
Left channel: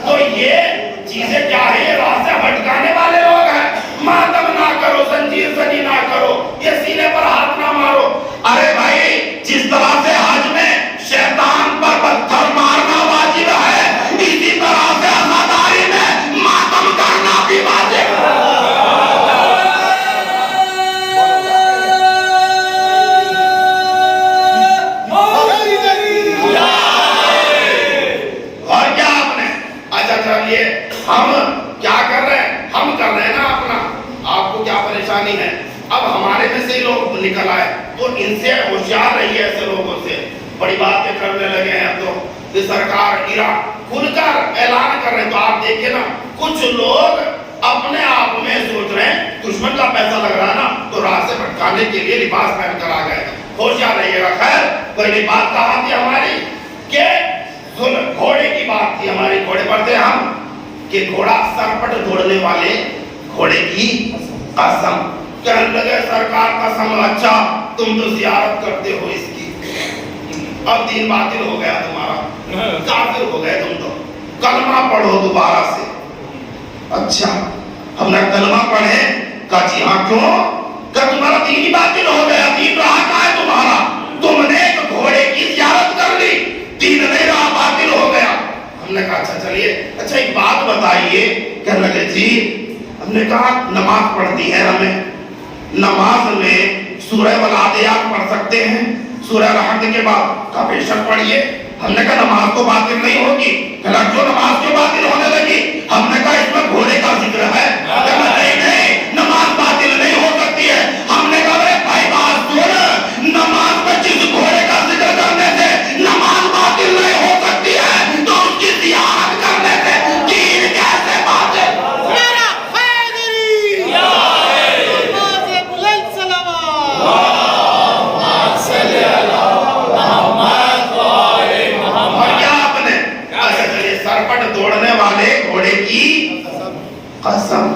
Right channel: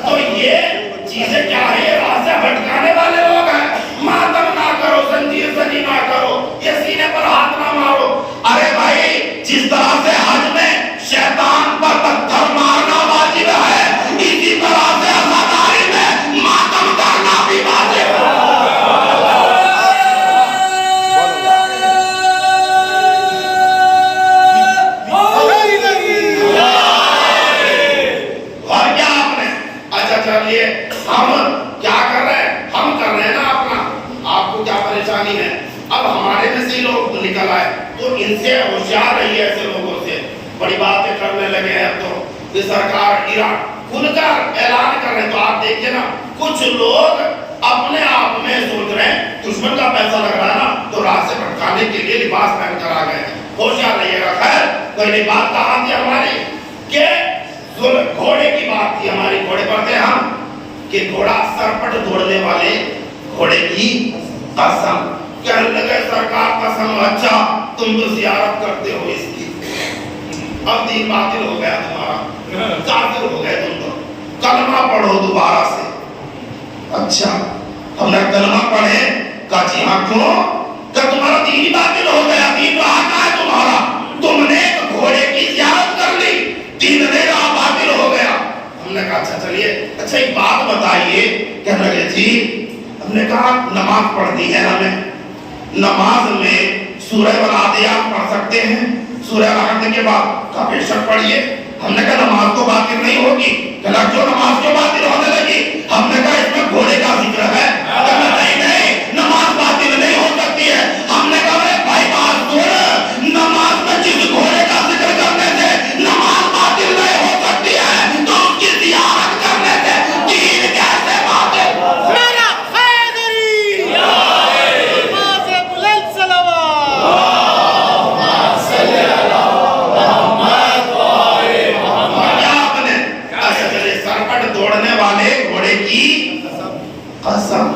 تو یہ چیزیں کیا ہے؟ یہ راستہ بھٹکانے والے لوگ ہیں. ماتم نہ کرو، زنجیر زنی نہ کرو، یہ سینے پر ہاتھ نہ مارو. ارے بھائی جس طرح سے حج میں شیطان پر پتھر مارنا واجب ہے اسی طرح سے عزاداری میں ماتم کرنا بھی واجب ہے. اور کیا آپ نے اچھا چلیے ہم کیا کر رہے ہیں؟ ہم کر رہے ہیں نا اپنا. آپ کو کیا پریشانی ہے؟ اب ہمارے میں سے لوگ نکل آئے تو ان سے ہوشیار رہیے. ایسے لوگوں سے بڑی باتیں کرنے لگے ہیں. اب تو سرکار ایران کھل کر اعلان کر رہے ہیں. تو آپ دیکھیں نا کچھ لوگ اپنے آپ میں سوچ رہے ہیں دشمن کا پیسہ لگ رہا ہے نا تو راہ سے بھٹکانے کے لیے لباس پہن کر آ گئے. ہوشیار رہیے گا. خیر پہلی بات کہاں تھی ہماری کہ گھوڑے کی بات تھی ہماری. گھوڑے پر تھے ہم کہ گھوڑا سرپٹ دوڑنے والے گھوڑے کی قسم. کہنے لگے سرکار قسم اچھا تم تو زیارت کرتے ہو اس کی، اب دین باطل ہو گیا تمہارا، کافر ہو گئے تم تو، کلمہ پڑھو دوبارہ سے. اچھا ہم نے کلمہ پڑھے. کہا جی ہاں کیوں؟ کہ تمہارا دین ہی باطل ہو گیا. دین رہا کہاں ہے تمہارا؟ تم نے ایک گھوڑے کی زیارت کر لی، دین نہیں رہا، باطل ہو گیا. ہم نے کہا اچھا چلیے اچھا ایک بات بتائیے. کہنے لگے جی ہم نے کہا نماز پڑھتی ہے ہمیں، نماز میں سورہ والعادیات پڑھ سکتے ہیں سورہ رحمت کے بعد؟ کہا بے شک پڑھیے. ہم نے کہا نماز تو باطل نہیں ہوگی. کہا جو نماز تو باطل ہونے لگی. ہم نے کہا اس میں گھوڑے کا ذکر ہے. کہا نہیں نماز باطل نہیں ہو سکتی ہے. ہم نے کہا بھائی بات سن، نماز میں جس گھوڑے کا ذکر کرنے سے نماز باطل نہیں ہو سکتی ہے تو اس کی زیارت کرنے سے دین کیسے باطل؟ میرا خیدری نماز بلند صلوات. دوڑنے والے گھوڑے کی قسم.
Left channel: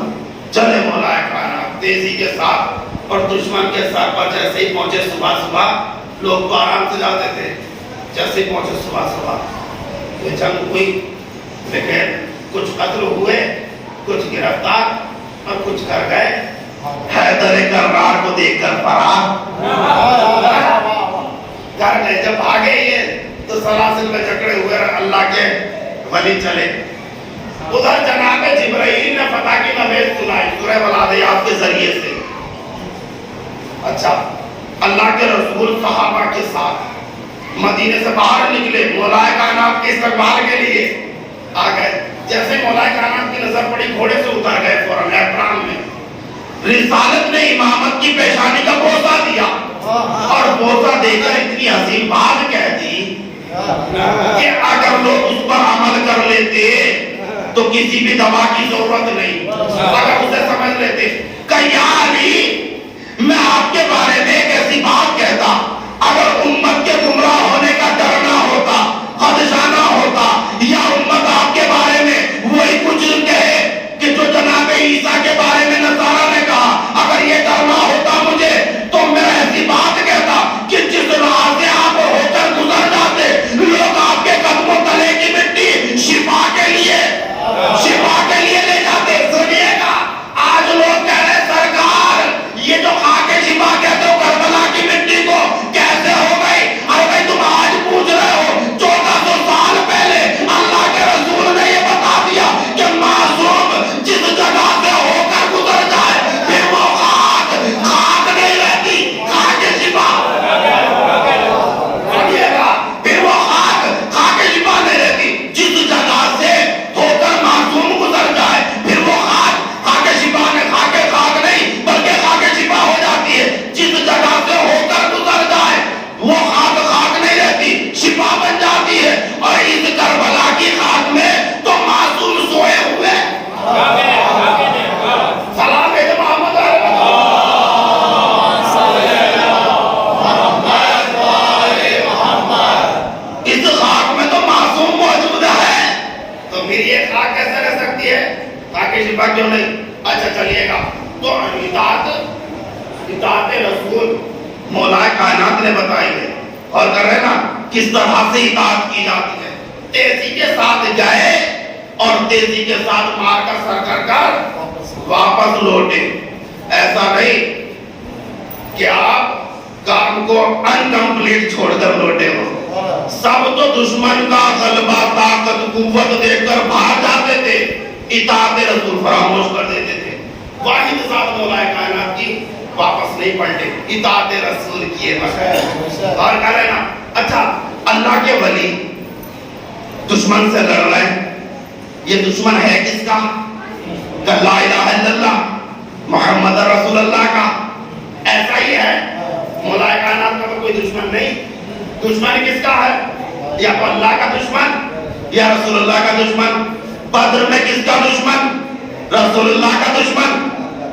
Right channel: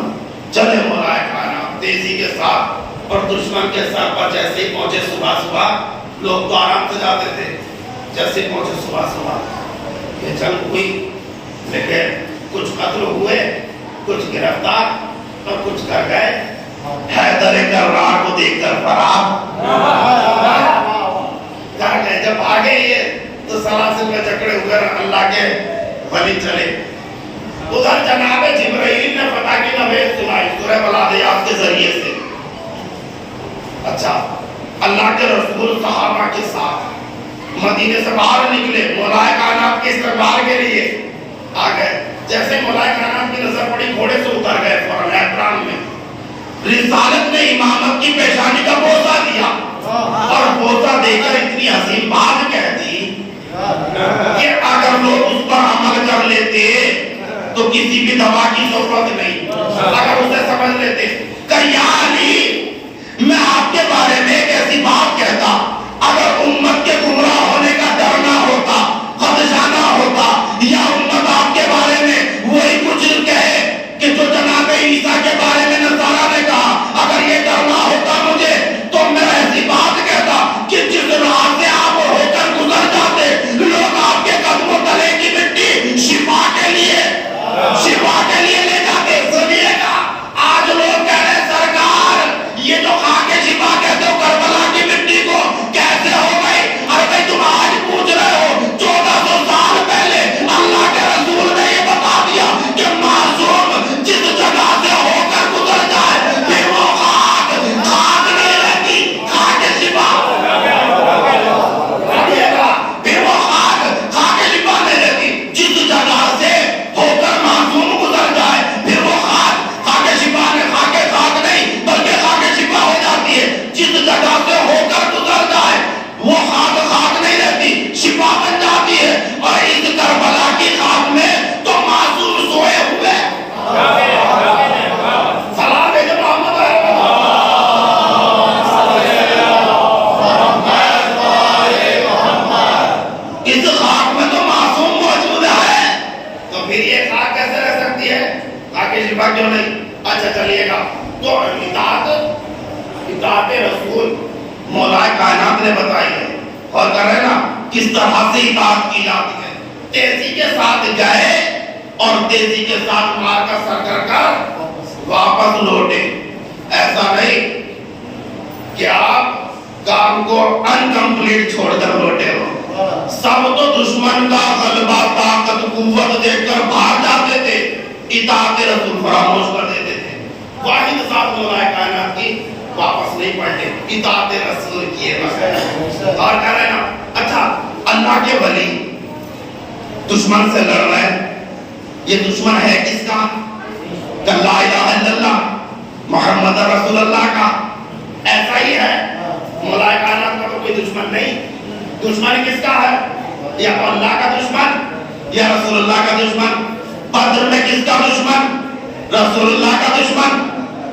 چلے مولا کائنات تیزی کے ساتھ اور دشمن کے سر پر جیسے ہی پہنچے صبح صبح لوگ تو آرام سے جاتے تھے. جیسے پہنچے صبح صبح یہ جنگ ہوئی لیکن کچھ قتل ہوئے، کچھ گرفتار اور کچھ کر گئے. حیدر کرار کو دیکھ کر فرار کر گئے. جب بھاگے یہ تو سلاسل میں جکڑے ہوئے اللہ کے ولی چلے. ادھر جناب جبرائیل نے فتح کی نوید سنائی سورہ والعادیات کے ذریعے سے. اچھا اللہ کے رسول صحابہ کے ساتھ مدینے سے باہر نکلے مولا کائنات کے استقبال کے لیے آ گئے. جیسے مولا کائنات کی نظر پڑی گھوڑے سے اتر گئے فوراً احترام میں. رسالت نے امامت کی پیشانی کا بوسہ دیا اور بوسہ دے کر اتنی عظیم بات کہہ دی کہ اگر لوگ اس پر عمل کر لیتے تو کسی بھی دوا کی ضرورت نہیں. اگر اسے سمجھ لیتے کہ یا علی میں آپ کے بارے میں ایک ایسی بات کہتا اگر امت کے گمراہ ہونے کا ڈر نہ ہوتا، خدشہ نہ ہوتا، یا امت آپ کے بارے میں وہی کچھ کہے کہ جو جناب عیسیٰ کے بارے میں نصارہ نے کہا، اگر یہ ڈر نہ ہوتا مجھے تو میں ایسی بات کہتا کہ جس راہ سے آپ ہو کر گزر جاتے لوگ آپ کے قدموں تلے کی مٹی شفا کے لیے لے جاتے. سنیے گا آج لوگ کہہ رہے سرکار باقی شفا کیوں نہیں؟ اچھا چلیے گا تو اطاعت رسول مولا کائنات نے بتائی ہے اور کر رہے نا کس طرح سے اطاعت کی جاتی ہے. تیزی کے ساتھ گئے اور تیزی کے ساتھ مار کا سر کر کر واپس لوٹے. ایسا نہیں کہ آپ کام کو انکمپلیٹ چھوڑ کر لوٹے ہو. سب تو دشمن کا غلبہ طاقت قوت دیکھ کر بھاگ جاتے تھے, اطاعت رسول فراموش کر دیتے تھے. واحد ذات مولا کائنات کی واپس نہیں پلٹے, اطاعت رسول کیے بس. اور کہہ رہے نا اچھا اللہ کے ولی دشمن سے لڑ رہے ہیں, یہ دشمن ہے کس کا؟ کہ لا الہ الا اللہ محمد رسول اللہ کا. ایسا ہی ہے, مولا کائنات کا تو کوئی دشمن نہیں. دشمن کس کا ہے؟ یا تو اللہ کا دشمن یا رسول اللہ کا دشمن. بدر میں کس کا دشمن؟ رسول اللہ کا دشمن,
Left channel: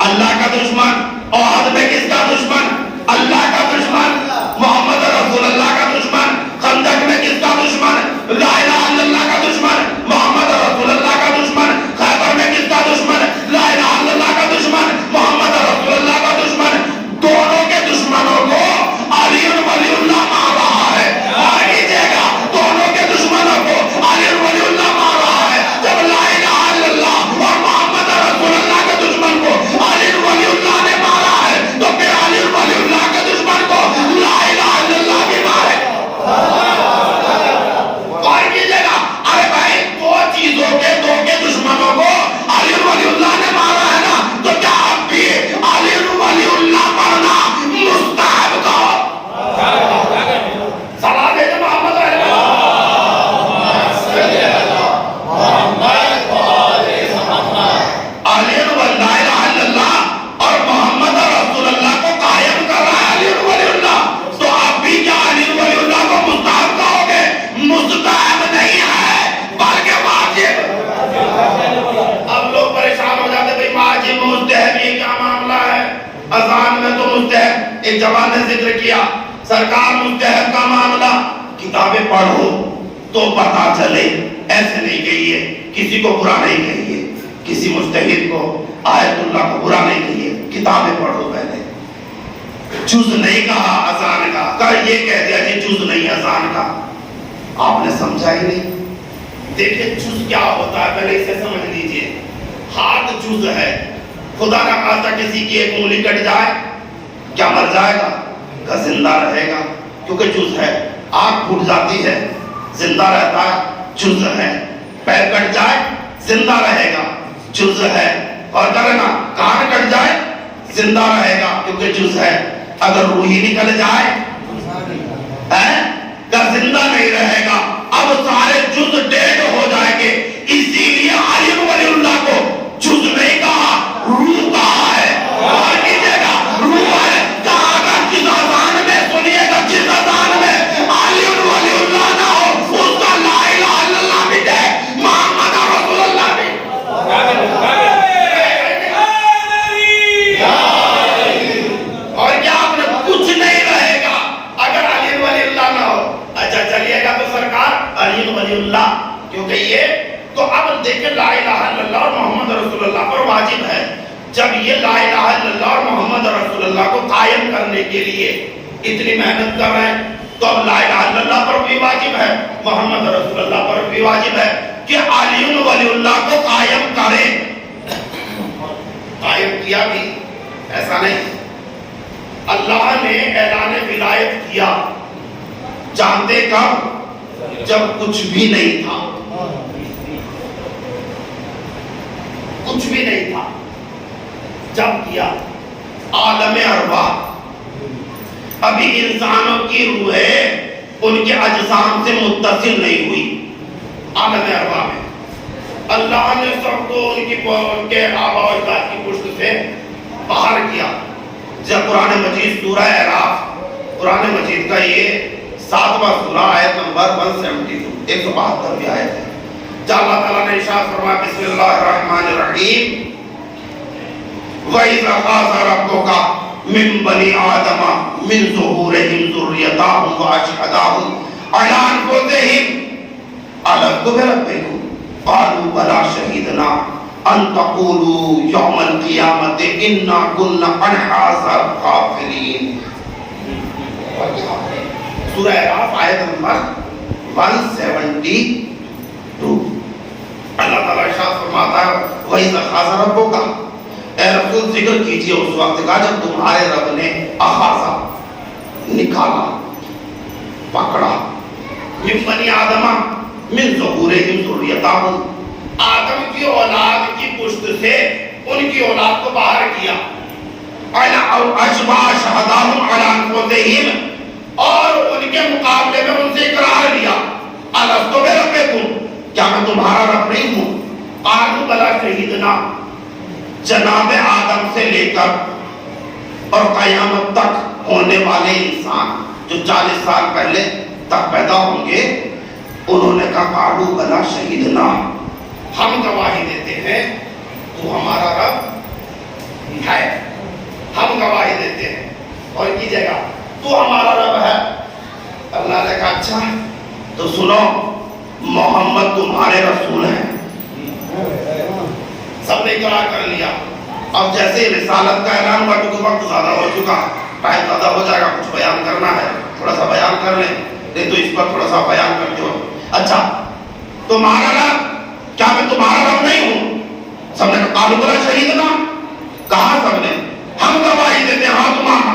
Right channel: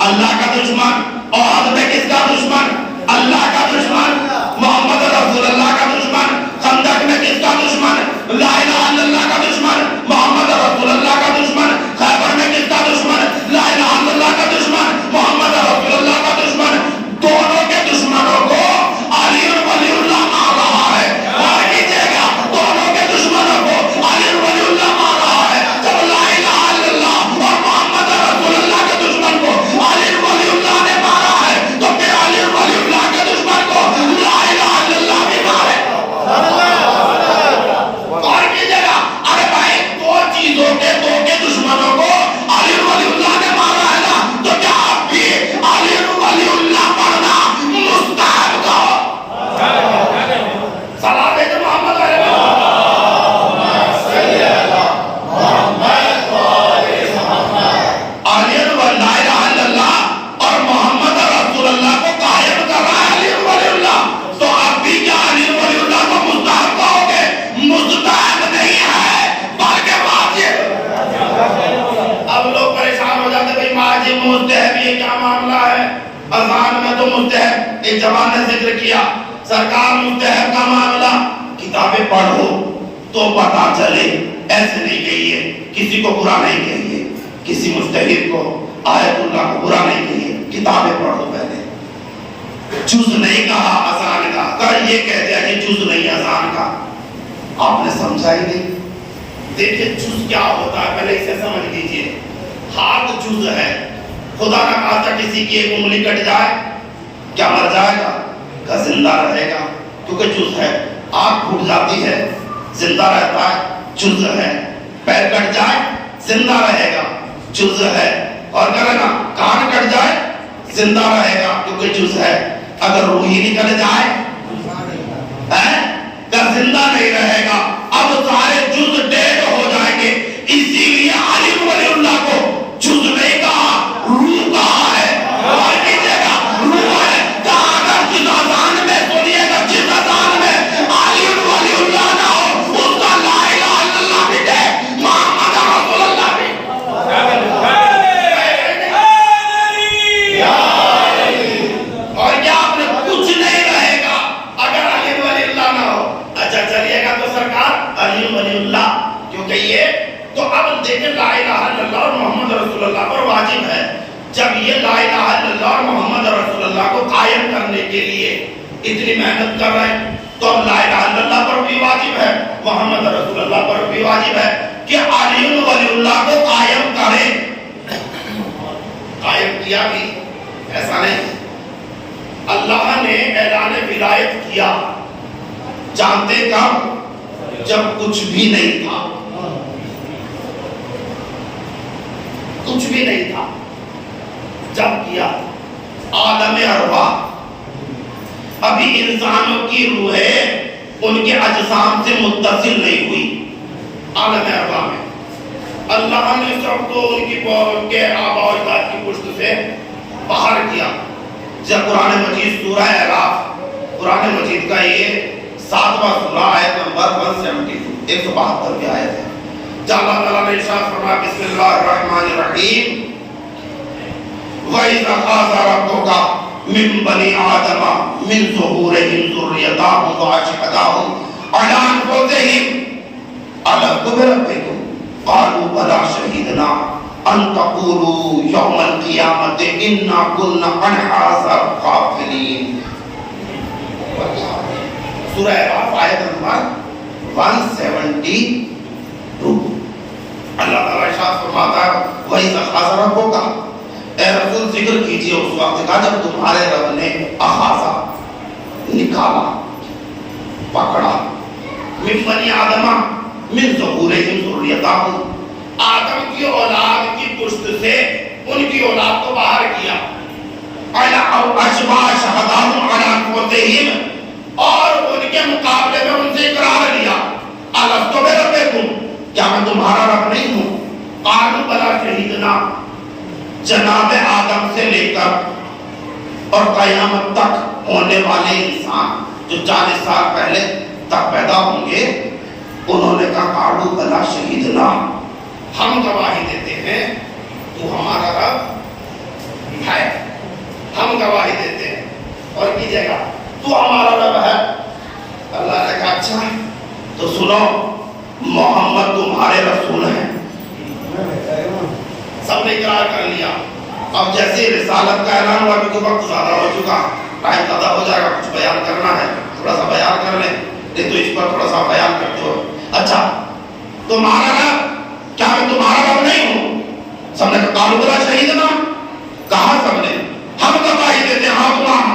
اللہ کا دشمن. احد میں کس کا دشمن؟ اللہ کا دشمن, محمد رسول اللہ کا دشمن. خندق میں کس کا دشمن؟ لا الہ الا اللہ کا دشمن, محمد رسول اللہ کا دشمن. خیبر میں کس کا دشمن؟ لا الہ الا اللہ کا دشمن, محمد رسول اللہ کا دشمن. دونوں کے دشمنوں کو علی ولی اللہ مار رہا ہے. اور کیجئے گا دونوں کے دشمنوں کو علی ولی اللہ مار رہا ہے. جب لا الہ الا اللہ اور محمد رسول اللہ کے دشمن کو علی ولی اللہ نے مارا ہے تو پھر علی ولی اللہ کے دشمن کو لا الہ الا اللہ بھی مارے. اور کیجئے گا ارے بھائی دو چیزوں کے دشمنوں کو علی ولی اللہ نے مارا ہے نا, تو کیا آپ بھی علی ولی اللہ مارنا مستحب کہو؟ صلاح دے دے محمد علیہ علی ولی لا الہ الا اللہ اور محمد رسول اللہ کو قائم کر رہا ہے علی ولی اللہ, تو آپ بھی کیا علی ولی اللہ کو مستحب کہو گے؟ مستحب نہیں ہے بلکہ واجب. اب لوگ پریشان ہو جاتے بھئی واجب مستحب یہ کیا معاملہ ہے؟ اذان میں تو مستحب, ایک جوان نے ذکر کیا سرکار مستحب کا معاملہ کتابیں پڑھو تو پتا چلے. ایسے نہیں کہیے, کسی کو برا نہیں کہیے, کسی مجتہد کو آیت اللہ کو برا نہیں کہیے, کتابیں پڑھو پہلے. جز نہیں کہا اذان کا, کر یہ کہہ دیا کہ جز نہیں اذان کا. آپ نے سمجھا ہی نہیں. دیکھیں جز کیا ہوتا ہے پہلے اسے سمجھ لیجئے. ہاتھ جز ہے, خدا نہ خواستہ کسی کی ایک انگلی کٹ جائے کیا مر جائے گا؟ کہ زندہ رہے گا کیونکہ جز ہے. آنکھ پھوٹ جاتی ہے زندہ رہتا ہے, جز ہے. پیر کٹ جائے زندہ رہے گا, جز ہے. اور کہنا نا کان کٹ جائے زندہ رہے گا کیونکہ جز ہے. اگر روح ہی نکل جائے کہ زندہ نہیں رہے گا. اب سارے جز ڈیڈ ہو جائیں گے. اسی لیے علی ولی اللہ کو جز نہیں کہا, روح کہا ہے. اور کیجئے گا روح ہے. جہاں اگر جس اذان میں سنیے گا, جس اذان میں علی ولی اللہ نہ ہو اس کا لا الہ الا اللہ بھی ہے, محمد رسول اللہ بھی. اور کیا آپ نے کچھ نہیں رہے گا اگر علی ولی اللہ نہ ہو. اچھا چلیے گا تو سرکار علی ولی اللہ کیونکہ یہ تو اب دیکھیں لا الہ الا اللہ اور محمد رسول اللہ پر واجب ہے. جب یہ لا الہ الا اللہ اور محمد رسول اللہ کو قائم کرنے کے لیے اتنی محنت کر رہے ہیں تو اب لا الہ الا اللہ پر بھی واجب ہے, محمد رسول اللہ پر بھی واجب ہے کہ علی ولی اللہ کو قائم کریں. قائم کیا بھی ایسا نہیں. اللہ نے اعلان ولایت کیا جانتے کب؟ جب کچھ بھی نہیں تھا. کچھ بھی نہیں تھا جب کیا. عالم ارواح ابھی انسانوں کی روحیں ان کے اجسام سے متصل نہیں ہوئی. عالم ارواح میں اللہ نے سب کو ان کے آباء و اجداد کی پشت سے باہر کیا. جب قرآن مجید سورہ اعراف, قرآن مجید کا یہ 7واں سورہ آیت نمبر 172 172 کی آیت ہے. جہاں اللہ تعالیٰ نے ارشاد فرمایا بسم اللہ الرحمن الرحیم وَإِذْ أَخَذَ رَبُّكَ مِنْ بَنِي آدَمَ مِنْ ظُهُورِهِمْ ذُرِّيَّتَهُمْ وَأَشْهَدَهُمْ عَلَىٰ أَنفُسِهِمْ أَلَسْتُ بِرَبِّكُمْ قَالُوا بَلَىٰ شَهِدْنَا ان تقولوا یوم القیامت انا كنا عن هذا غافلین. سورہ اعراف آیت نمبر 172. اللہ تعالیٰ ارشاد فرماتا ہے وَإِذْ أَخَذَ رَبُّكَ، اے رسول ذکر کیجئے اس وقت کا جب تمہارے رب نے اخاذہ نکالا، پکڑا، من بنی آدم من ظہورہم ذریتہم، آدم کی اولاد کی پشت سے ان کی اولاد کو باہر کیا، اشبہ شہداہم علی انفسہم، اور ان کے مقابلے میں ان سے اقرار لیا الستو بربکم، کیا میں تمہارا رب نہیں ہوں؟ قالوا بلی شہدنا، جناب آدم سے لے کر اور قیامت تک ہونے والے انسان جو 40 سال پہلے تک پیدا ہوں گے انہوں نے کہا قالوا بلی شہدنا، ہم گواہی دیتے ہیں تو ہمارا رب ہے، ہم گواہی دیتے ہیں اور کیجئے گا تو ہمارا رب ہے. اللہ نے کہا اچھا تو سنو محمد تمہارے رسول ہیں. سب نے اقرار کر لیا. اب جیسے رسالت کا اعلان ہوا کیونکہ وقت زیادہ ہو چکا، ٹائم زیادہ ہو جائے گا، کچھ بیان کرنا ہے تھوڑا سا بیان کر لیں، نہیں تو اس پر تھوڑا سا بیان کرتے ہو. اچھا تمہارا رب، کیا میں تمہارا رب نہیں ہوں؟ سب نے کہا قالوا بلی شہدنا، کہا سب نے ہم گواہی دیتے ہیں ہاں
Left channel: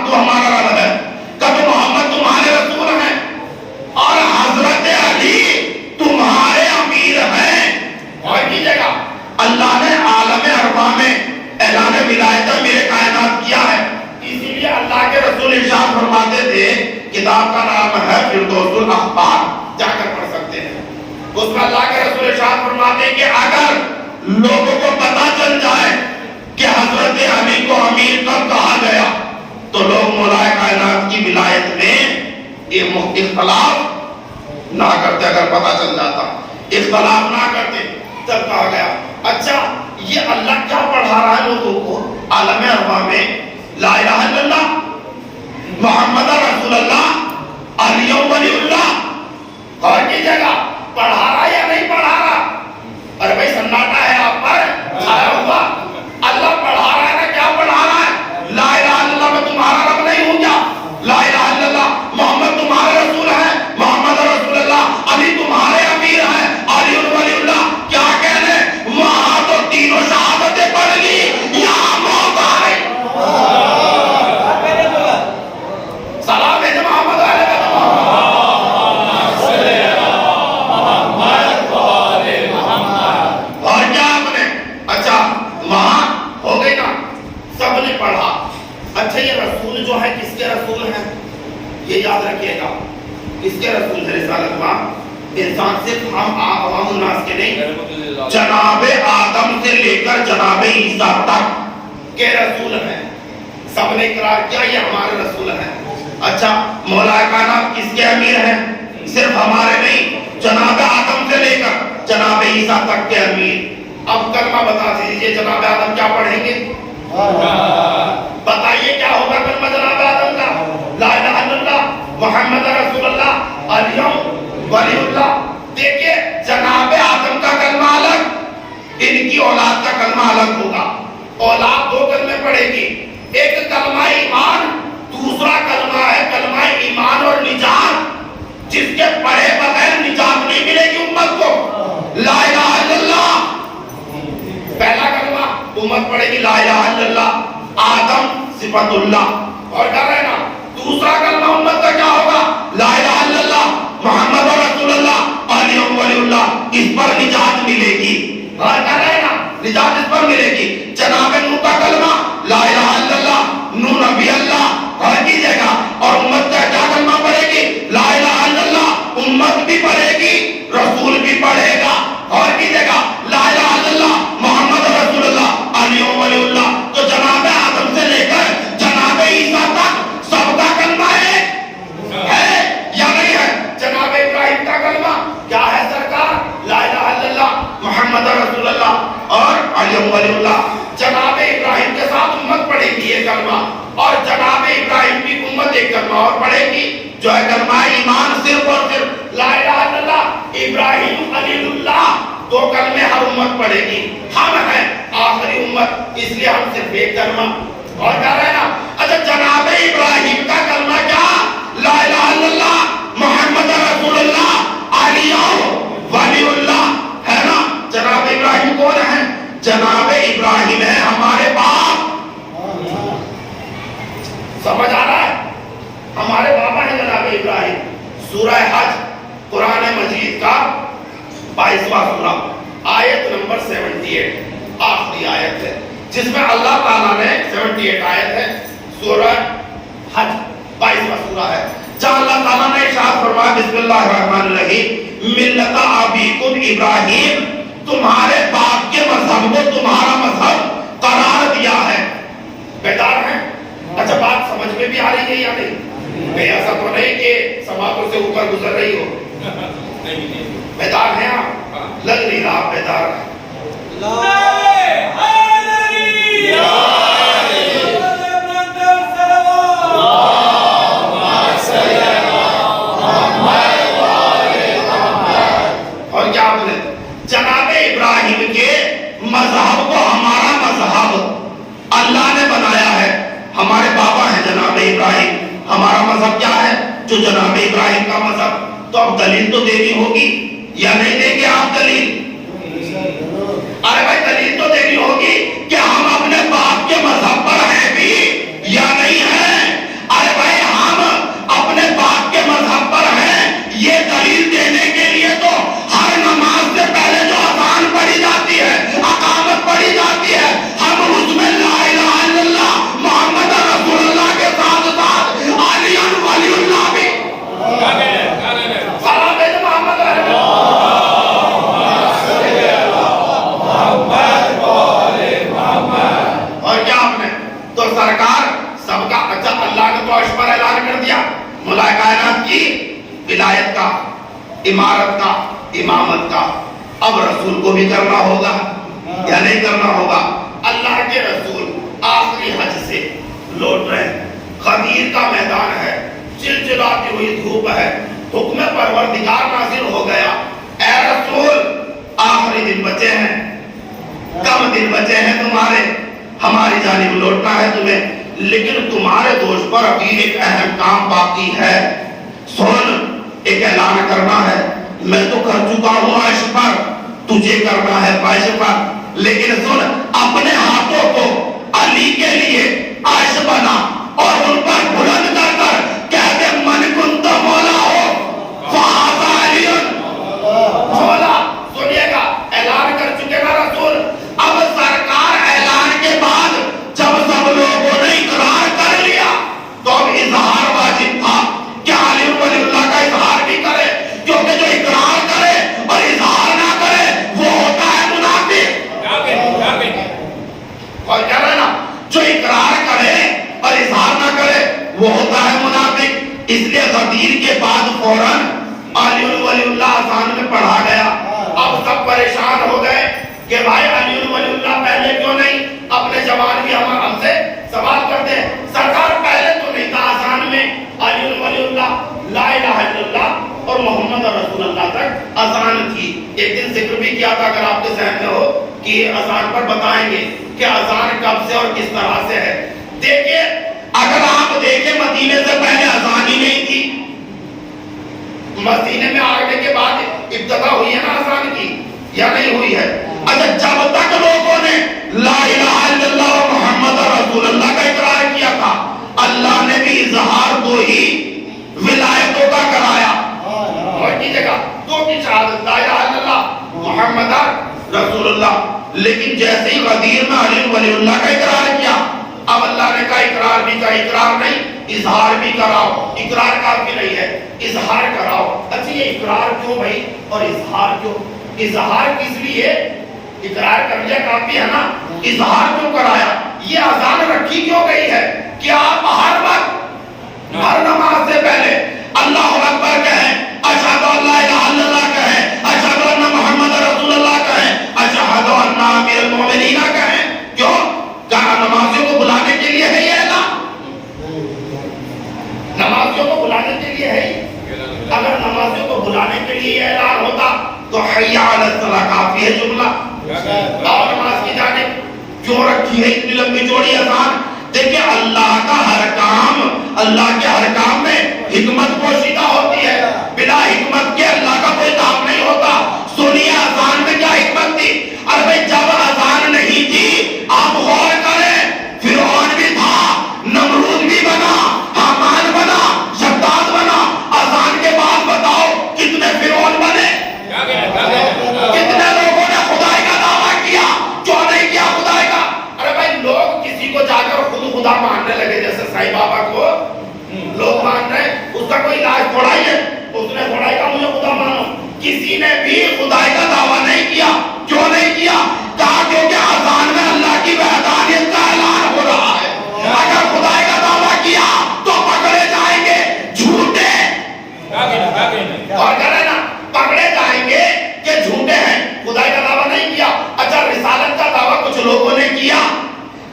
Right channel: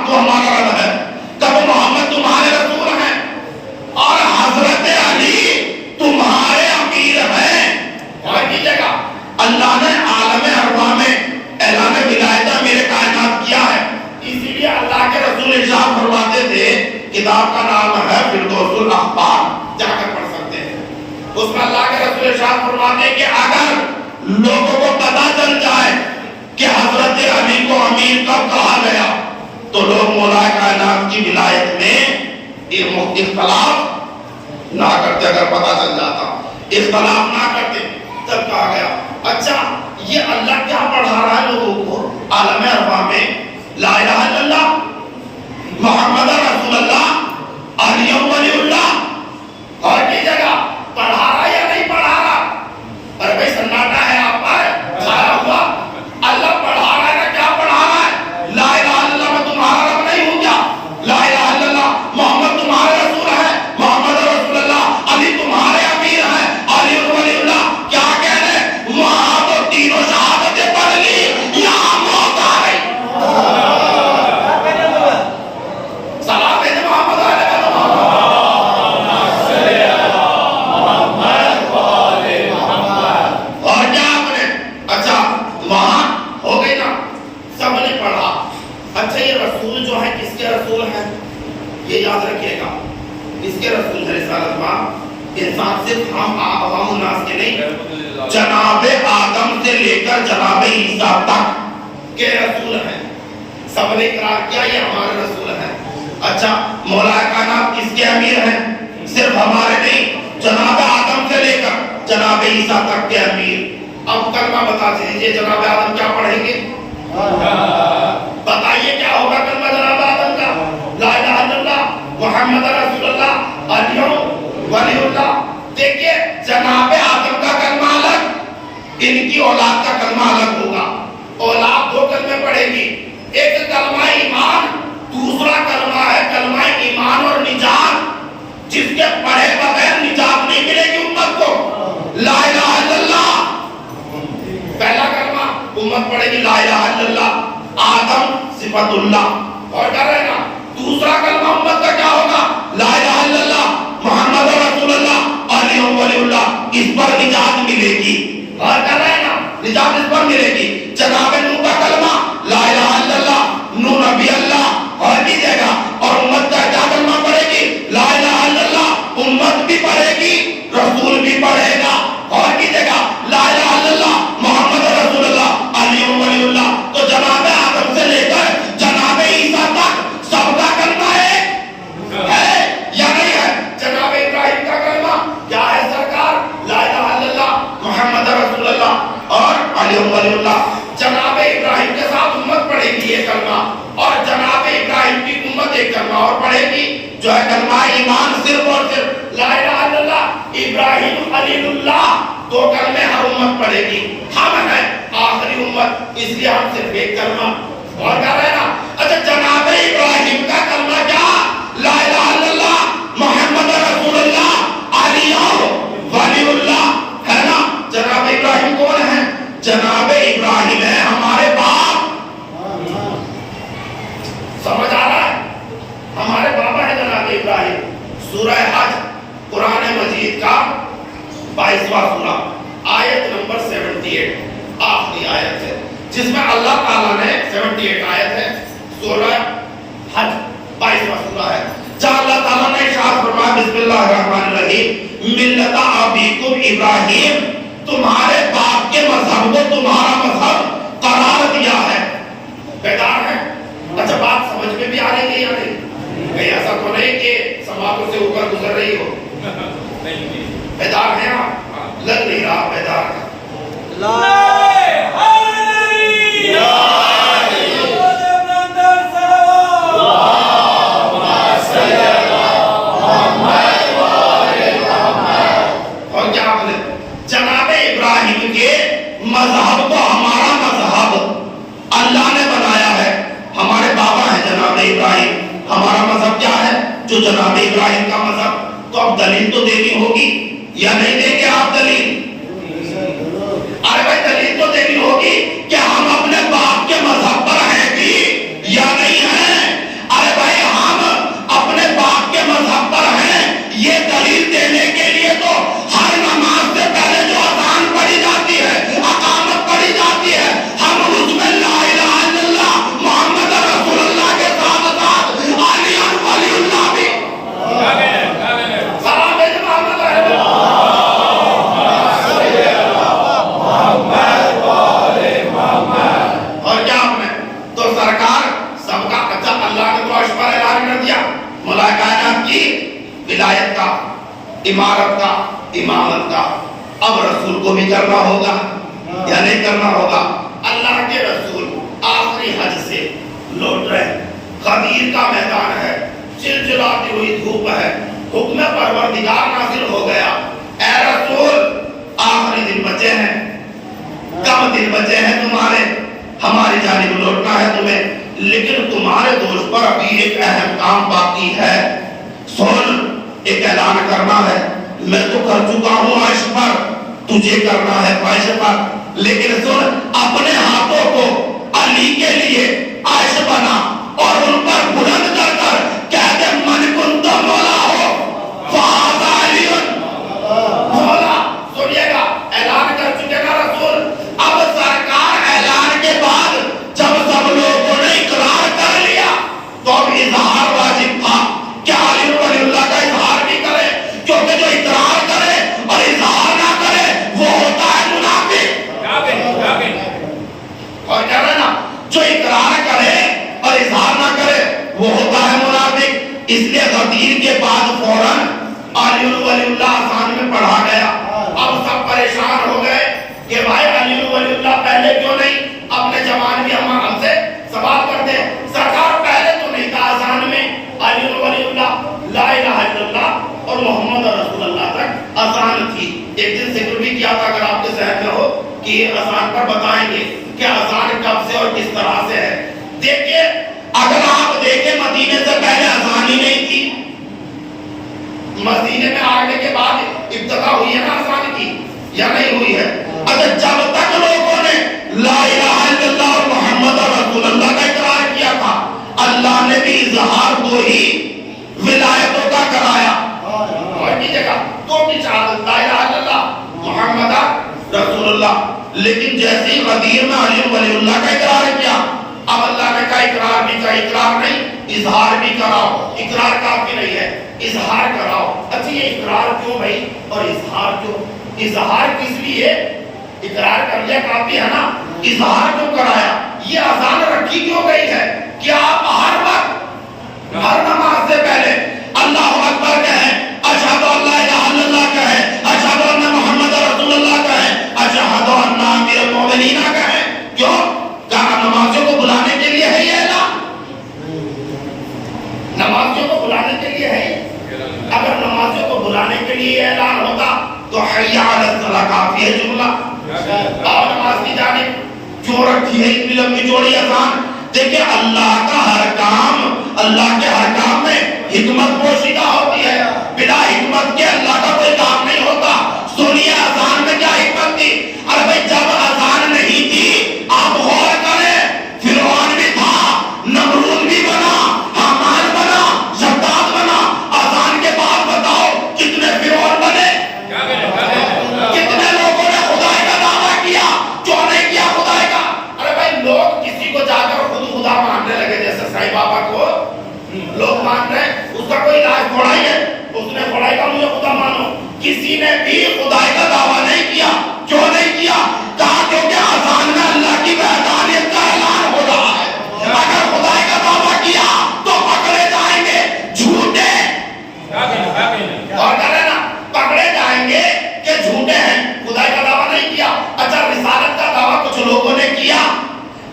تو ہمارا رب ہے. کب محمد تمہارے رسول ہیں اور حضرت علی تمہارے امیر ہیں. اور کیجئے گا اللہ نے عالم ارواح میں اعلان ولایت میرے کائنات کیا ہے، اسی لیے اللہ کے رسول ارشاد فرماتے تھے کتاب کا نام ہے فردوس الاحبار، جا کر پڑھ سکتے ہیں. اس میں اللہ کے رسول ارشاد فرماتے ہیں کہ اگر لوگوں کو پتہ چل جائے کہ حضرت علی کو امیر کب کہا گیا تو لوگ مولا کائنات کی ولایت میں یہ اختلاف نہ کرتے. اگر پتہ چل جاتا اختلاف نہ کرتے تب کہا گیا. اچھا یہ اللہ کیا پڑھا رہا ہے لوگوں کو عالم ارواح میں؟ لا الہ الا اللہ محمد رسول اللہ علی ولی اللہ. اور کی جگہ پڑھا رہا یا نہیں پڑھا رہا؟ ارے بھائی سناٹا ہے آپ پر کھایا ہوا. اللہ پڑھا رہا ہے نا، کیا پڑھا رہا ہے؟ لا الہ الا اللہ میں تمہارا رب نہیں ہوں کیا؟ لا الہ الا اللہ محمد تمہارے رسول ہیں، محمد رسول اللہ علی تمہارے امیر ہیں، علی ولی اللہ. کیا کہنے وہاں تو تینوں شہادتیں پڑھ لی، یہاں موت آئی. سلام ہے محمد علیہ اور کیا آپ نے اچھا وہاں ہو گئی نا، سب نے پڑھا. اچھا یہ رسول جو ہے کس کے رسول ہیں؟ یہ یاد رکھیے گا کس کے رسول ہے رسالت ماں؟ انسان صرف ہم عوام الناس کے نہیں، جناب آدم سے لے کر جناب عیسیٰ تک کے رسول ہیں. سب نے اقرار کیا یہ ہمارے رسول ہیں. اچھا مولا کائنات کس کے امیر ہیں؟ صرف ہمارے نہیں، جناب آدم سے لے کر جناب عیسیٰ تک کے امیر. اب کلمہ بتا دیجیے جناب آدم کیا پڑھیں گے؟ بتائیے کیا ہوگا کلمہ جناب آدم کا؟ لا الہ الا اللہ محمد رسول اللہ علی ولی اللہ. دیکھیے جناب آدم کا کلمہ الگ، ان کی اولاد کا کلمہ الگ ہوگا. اولاد دو کلمے پڑھے گی، ایک کلمہ ایمان، دوسرا کلمہ ہے کلمہ ایمان اور نجات، جس کے پڑھے بغیر نجات نہیں ملے گی امت کو. لا الہ الا اللہ پہلا کلمہ امت پڑھے گی، لا الہ الا اللہ آدم صفت اللہ. اور کر رہے نا دوسرا کلمہ امت کا کیا ہوگا؟ لا الہ الا اللہ محمد رسول اللہ علی ولی اللہ. اس پر نجات ملے گی. اور کر رہے نا نجات اس پر ملے گی. جناب نوح کا کلمہ لا الہ الا اللہ نوح نبی اللہ. اور کیجئے گا اور امت کا کیا کلمہ پڑھے گی؟ لا الہ الا اللہ. امت بھی پڑھے گی، رسول بھی پڑھے گا. اور کیجئے گا لا الہ الا اللہ محمد رسول اللہ علی ولی اللہ. تو جناب آدم سے لے کر جناب عیسیٰ تک سب کا کلمہ ہے یا نہیں ہے؟ جناب ابراہیم کا کلمہ کیا ہے سرکار؟ لا الہ الا اللہ محمد رسول اللہ اور علی ولی اللہ. جناب ابراہیم کے ساتھ امت پڑھے گی یہ کلمہ، اور جناب ابراہیم کی امت ایک کلمہ اور پڑھے گی جو ہے کلمہ ایمان، صرف اور صرف لا الہ الا اللہ ابراہیم علی اللہ. دو کلمے ہر امت پڑھے گی. ہم ہیں لیے ہم صرف ایک کلمہ اور کر رہے ہیں نا. اچھا جناب ابراہیم کا کلمہ کیا؟ لا الہ الا اللہ محمد رسول اللہ علی ولی اللہ ہے نا. جناب ابراہیم کون ہے؟ جناب ابراہیم ہے ہمارے باپ. سمجھ آ رہا ہے؟ ہمارے بابا ہے جناب ابراہیم. سورہ حج قرآن مجید کا 22واں سورہ آیت نمبر 78 آخری آیت ہے جس میں اللہ تعالیٰ نے 78 آیت ہے سورہ حج 22واں سورہ ہے جہاں اللہ تعالیٰ نے ارشاد فرمایا بسم اللہ الرحمن الرحیم ملت ابیکم ابراہیم تمہارے باپ کے مذہب کو تمہارا مذہب قرار دیا ہے. بیدار ہے؟ اچھا بات سمجھ میں بھی آ رہی ہے یا نہیں؟ کہیں ایسا تو نہیں کہ سماعتوں سے اوپر گزر رہی ہو؟ بیدار ہیں آپ؟ لگ نہیں رہا بیدار ہے. اور کیا بولے جناب ابراہیم کے مذہب کو ہمارا مذہب اللہ نے بنایا ہے. ہمارے بابا ہیں جناب ابراہیم. ہمارا مذہب کیا ہے؟ جو جناب ابراہیم کا مذہب. تو اب دلیل تو دینی ہوگی یا نہیں دیں گے آپ دلیل؟ ارے بھائی دلیل تو دینی ہوگی کہ ہم اپنے باپ کے مذہب پر ہیں بھی یا نہیں ہیں. ارے بھائی ہم اپنے باپ کے مذہب پر ہیں یہ دلیل دینے کے لیے تو ہر نماز سے پہلے جو اذان پڑھی جاتی ہے اقامت پڑھی جاتی ہے ہم اس میں لا الہ الا اللہ محمد رسول اللہ کے ساتھ ساتھ علی ولی اللہ بھی سلام بھیجو محمد اور کیا آپ نے تو سرکار سب کا اچھا اللہ نے تو عرش پر اعلان کر دیا ملائکہ کائنات کی ولایت کا امارت کا امامت کا. اب رسول کو بھی کرنا ہوگا یا نہیں کرنا ہوگا؟ اللہ کے رسول آخری حج سے لوٹ رہے. غدیر کا میدان ہے چلچلاتی ہوئی دھوپ ہے حکم پروردگار نازل ہو گیا. اے رسول آخری دن بچے ہیں کم دن بچے ہیں تمہارے ہماری جانب لوٹنا ہے تمہیں لیکن تمہارے دوست پر ابھی ایک اہم کام باقی ہے. سن ایک اعلان کرنا ہے. میں تو کر چکا ہوں عرش پر تجھے کرنا ہے فرش پر لیکن سن اپنے ہاتھوں کو علی کے لیے عرش بنا اور ان پر بلند کر کر کہہ دے من کنت مولا ہو فہذا علی مولا. سنیے گا اعلان کر چکے نا رسول. اب سرکار اعلان کے بعد جب سب لوگوں نے اقرار کر لیا تو اب اظہار واجب تھا کہ علی ولی اللہ کا اظہار بھی کرے کیونکہ جو اقرار کرے اور اظہار نہ کرے وہ ہوتا ہے منافق. اور کہہ رہے نا جو اقرار کرے اور اظہار نہ کرے وہ ہوتا ہے منافق. اس لیے غدیر کے بعد فوراً علی ولی اللہ آسان میں پڑھا گیا. اب سب پریشان ہو گئے کہ بھائی علی ولی اللہ پہلے کیوں نہیں؟ اپنے جوان بھی ہم سے سوال کرتے ہیں. سرکار پہلے تو نہیں تھا آسان میں علی ولی اللہ لا الہ الا اللہ اور محمد رسول اللہ تک آسان تھی. ایک دن ذکر بھی کیا تھا اگر آپ کے ذہن میں ہو کہ یہ آسان پر بتائیں گے کہ آسان کب سے اور کس طرح سے ہے. دیکھیے اگر آپ دیکھیں مدینے سے پہلے آسان ہی نہیں تھی. مدینے میں آنے کے بعد ابتدا ہوئی ہے نا آسان کی یا نہیں ہوئی ہے؟ اگر جب تک لوگوں نے لا الہ الا اللہ اور محمد رسول اللہ کا اقرار کیا تھا اللہ نے بھی اظہار کو ہی ولایتوں کا کرایا. اور کی جگہ تو کی شہادت لا الہ الا اللہ محمد رسول اللہ. لیکن جیسے ہی غدیر میں علی ولی اللہ کا اقرار کیا اب اللہ نے کہا اقرار بھی کا اقرار نہیں اظہار بھی کراؤ. اقرار کافی نہیں ہے اظہار کراؤ. اچھا یہ اقرار کیوں بھائی اور اظہار کیوں؟ اظہار کس لیے؟ اقرار کر لیا کافی ہے نا. اظہار کیوں کرایا؟ یہ اذان رکھی کیوں گئی ہے کہ آپ ہر وقت ہر نماز سے پہلے اللہ اکبر کہیں اشہد ان لا الہ الا اللہ کہیں اشہد ان محمد رسول اللہ کہیں اشہد ان امیر المؤمنین کہیں. کیوں؟ کہا نمازیوں کو بلانے کے لیے ہے یہ اعلان. نمازیوں کو بلانے کے لیے ہے. اگر نمازیوں کو بلانے کے لیے یہ اعلان ہوتا تو حی علی الصلاۃ کافی ہے جملہ اور نماز کی جانب. کیوں رکھی ہے اتنی لمبی چوڑی اذان؟ دیکھیں اللہ کا ہر کام، اللہ کے ہر کام میں حکمت پوشیدہ ہوتی ہے، بلا حکمت کے اللہ کا کوئی کام نہیں ہوتا۔ سنیے اذان میں کیا حکمت تھی؟ ارے بھائی جب اذان نہیں تھی، آپ غور کریں، فرعون بھی تھا، نمرود بھی بنا، حامان بنا، شداد بنا، اذان کے بعد بتاؤ کتنے فرعون بنے؟ کتنے لوگوں نے خدائی کا دعویٰ کیا؟ کیوں نہیں کیا خدائی کا؟ ارے بھائی لوگ کسی کو جا کر خود خدا ماننے لگے، جیسے سائی بابا کو لوگ مان رہے ہیں، اس کا کوئی علاج تھوڑا ہی ہے، اس نے تھوڑا ہی کہا مجھے خدا مانو۔ کسی نے بھی خدائی کا دعویٰ نہیں کیا۔ کیوں نہیں کیا؟ کہا کیونکہ اذان میں اللہ کی وحدانیت کا اعلان ہو رہا ہے، اگر خدائی کا دعویٰ کیا تو پکڑے جائیں گے جھوٹے، اور کرے نا پکڑے جائیں گے کہ جھوٹے ہیں، خدائی کا دعویٰ نہیں کیا۔ اچھا رسالت کا دعویٰ کچھ لوگوں نے کیا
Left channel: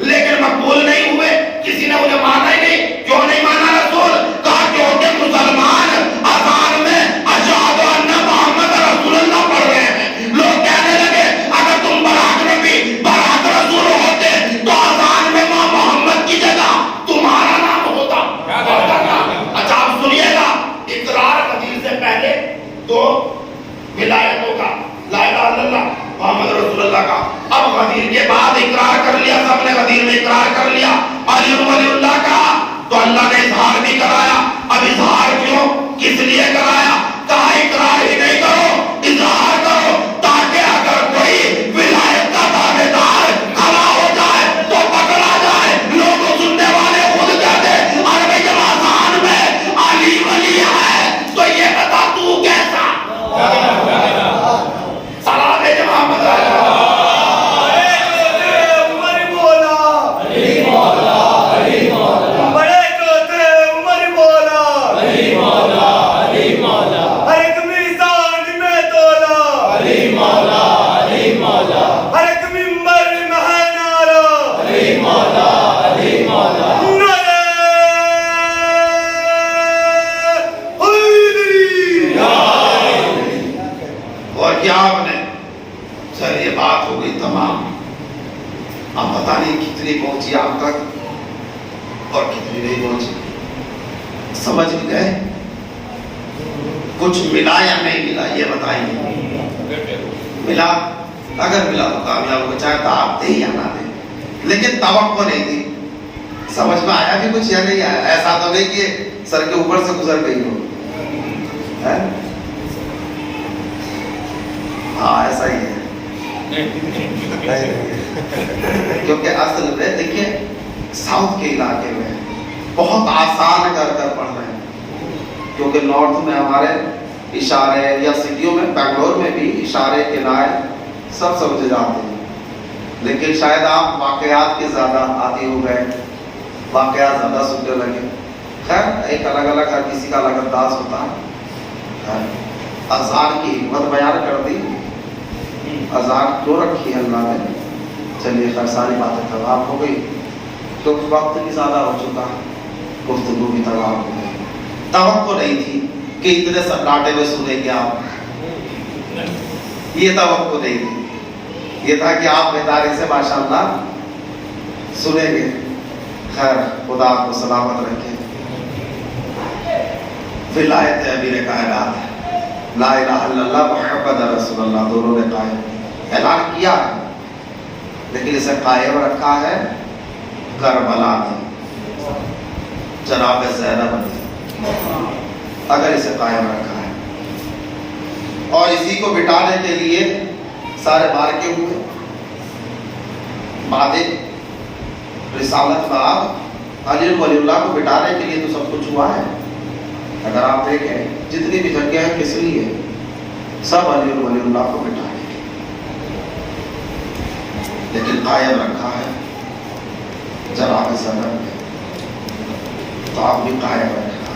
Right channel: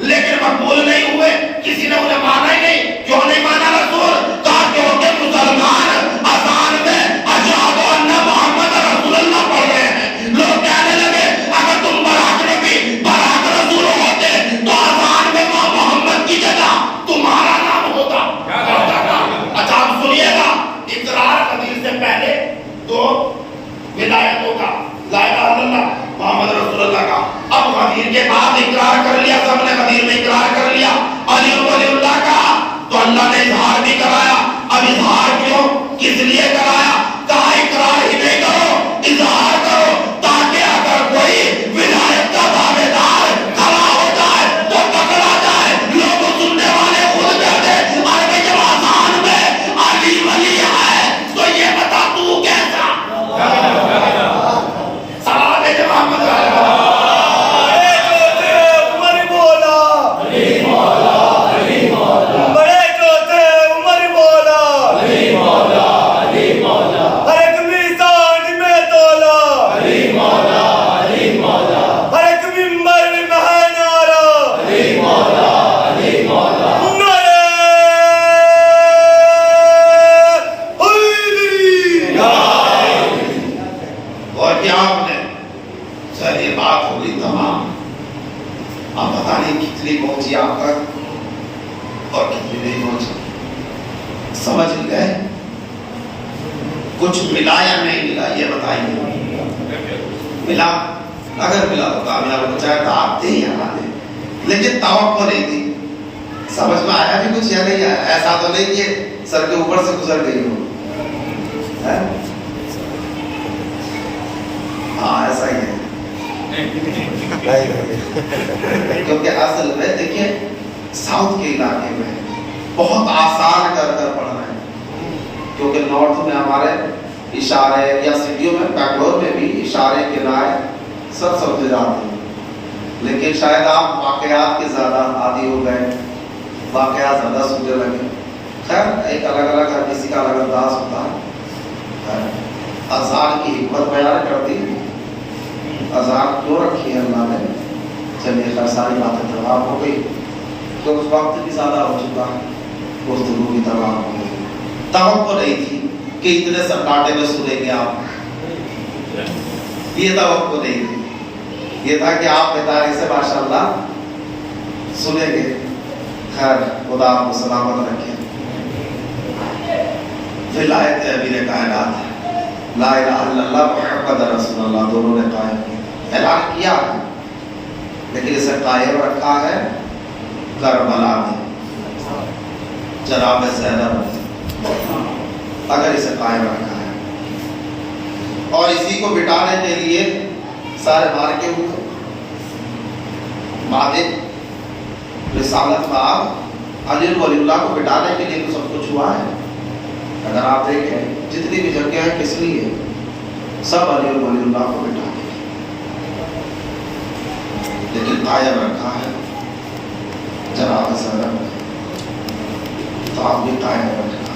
لیکن مقبول نہیں ہوئے، کسی نے انہیں مانا ہی نہیں۔ کیوں نہیں مانا رسول؟ کہا کیونکہ مسلمان اذان میں اشہد ان محمد رسول اللہ پڑھ رہے ہیں۔ لوگ کہنے لگے اگر تم براق نبی براق رسول ہوتے تو اذان میں ماں محمد کی جگہ تمہارا نام ہوتا۔ اچھا آپ سنیے گا، اقرار حدیث سے پہلے تو ولایتوں کا، لا الہ الا اللہ محمد رسول اللہ کا، اب غدیر کے بعد اقرار کر لیا، سب نے غدیر میں اقرار کر لیا، علی ولی اللہ کا، تو اللہ نے اظہار بھی کرایا۔ اب اظہار کیوں، کس لیے کرایا؟ کہا اقرار ہی نہیں کرو، اظہار کرو، تاکہ اگر کوئی ولایت کا دعویدار کھڑا ہو جائے تو پکڑا جائے، لوگ سننے والے خود کہتے ارے بھائی جب اذان میں علی ولی ہے تو یہ بتا تو کیسا؟ سلام ہے محمد پہنچی آپ تک اور کتنی نہیں پہنچی؟ سمجھ گئے؟ کچھ ملا یا نہیں ملا یہ بتائیے۔ ملا؟ اگر ملا تو کامیاب ہو، چاہے تو آپ دیں یا نہ دیں، لیکن توقع نہیں تھی۔ سمجھ میں آیا بھی کچھ یا نہیں آیا؟ ایسا تو نہیں کہ سر کے اوپر سے گزر گئی ہو، ہاں ایسا ہی ہے۔ کیونکہ اصل میں دیکھیے ساؤتھ کے علاقے میں بہت آسان کر پڑھ رہے ہیں، کیونکہ نارتھ میں ہمارے اشارے یا سٹیوں میں بنگلور میں بھی اشارے کنائے سب سمجھے جاتے ہیں، لیکن شاید آپ واقعات کے زیادہ عادی ہو گئے، واقعات زیادہ سننے لگے۔ خیر ایک الگ الگ ہر کسی کا الگ انداز ہوتا ہے۔ اذان کی حکمت بیان کرتی، اذان کیوں رکھی ہے اللہ نے؟ چلیے خیر ساری باتیں تمام ہو گئی، تو وقت بھی زیادہ ہو چکا، گفتگو بھی تمام ہو گئی۔ توقع نہیں تھی کہ اتنے سناٹے میں سنیں گے آپ، یہ توقع نہیں تھی، یہ تھا کہ آپ بتانے سے ماشاءاللہ سنیں گے۔ خیر خدا آپ کو سلامت رکھے۔ ولایت امیر کائنات لا الہ الا اللہ محمد رسول اللہ دونوں نے اعلان کیا، لیکن اسے قائم رکھا ہے کربلا میں، جناب زینب نے اگر اسے قائم رکھا ہے، اور اسی کو بٹانے کے لیے سارے مارکے ہوئے۔ مادن رسالت میں آپ علی ولی اللہ کو بٹانے کے لیے تو سب کچھ ہوا ہے۔ اگر آپ دیکھیں جتنی بھی جنگیں ہیں کس لیے؟ سب علی ولی اللہ کو بٹانے، لیکن قائم رکھا ہے جناب زینب نے، تو آپ بھی قائم رکھنا،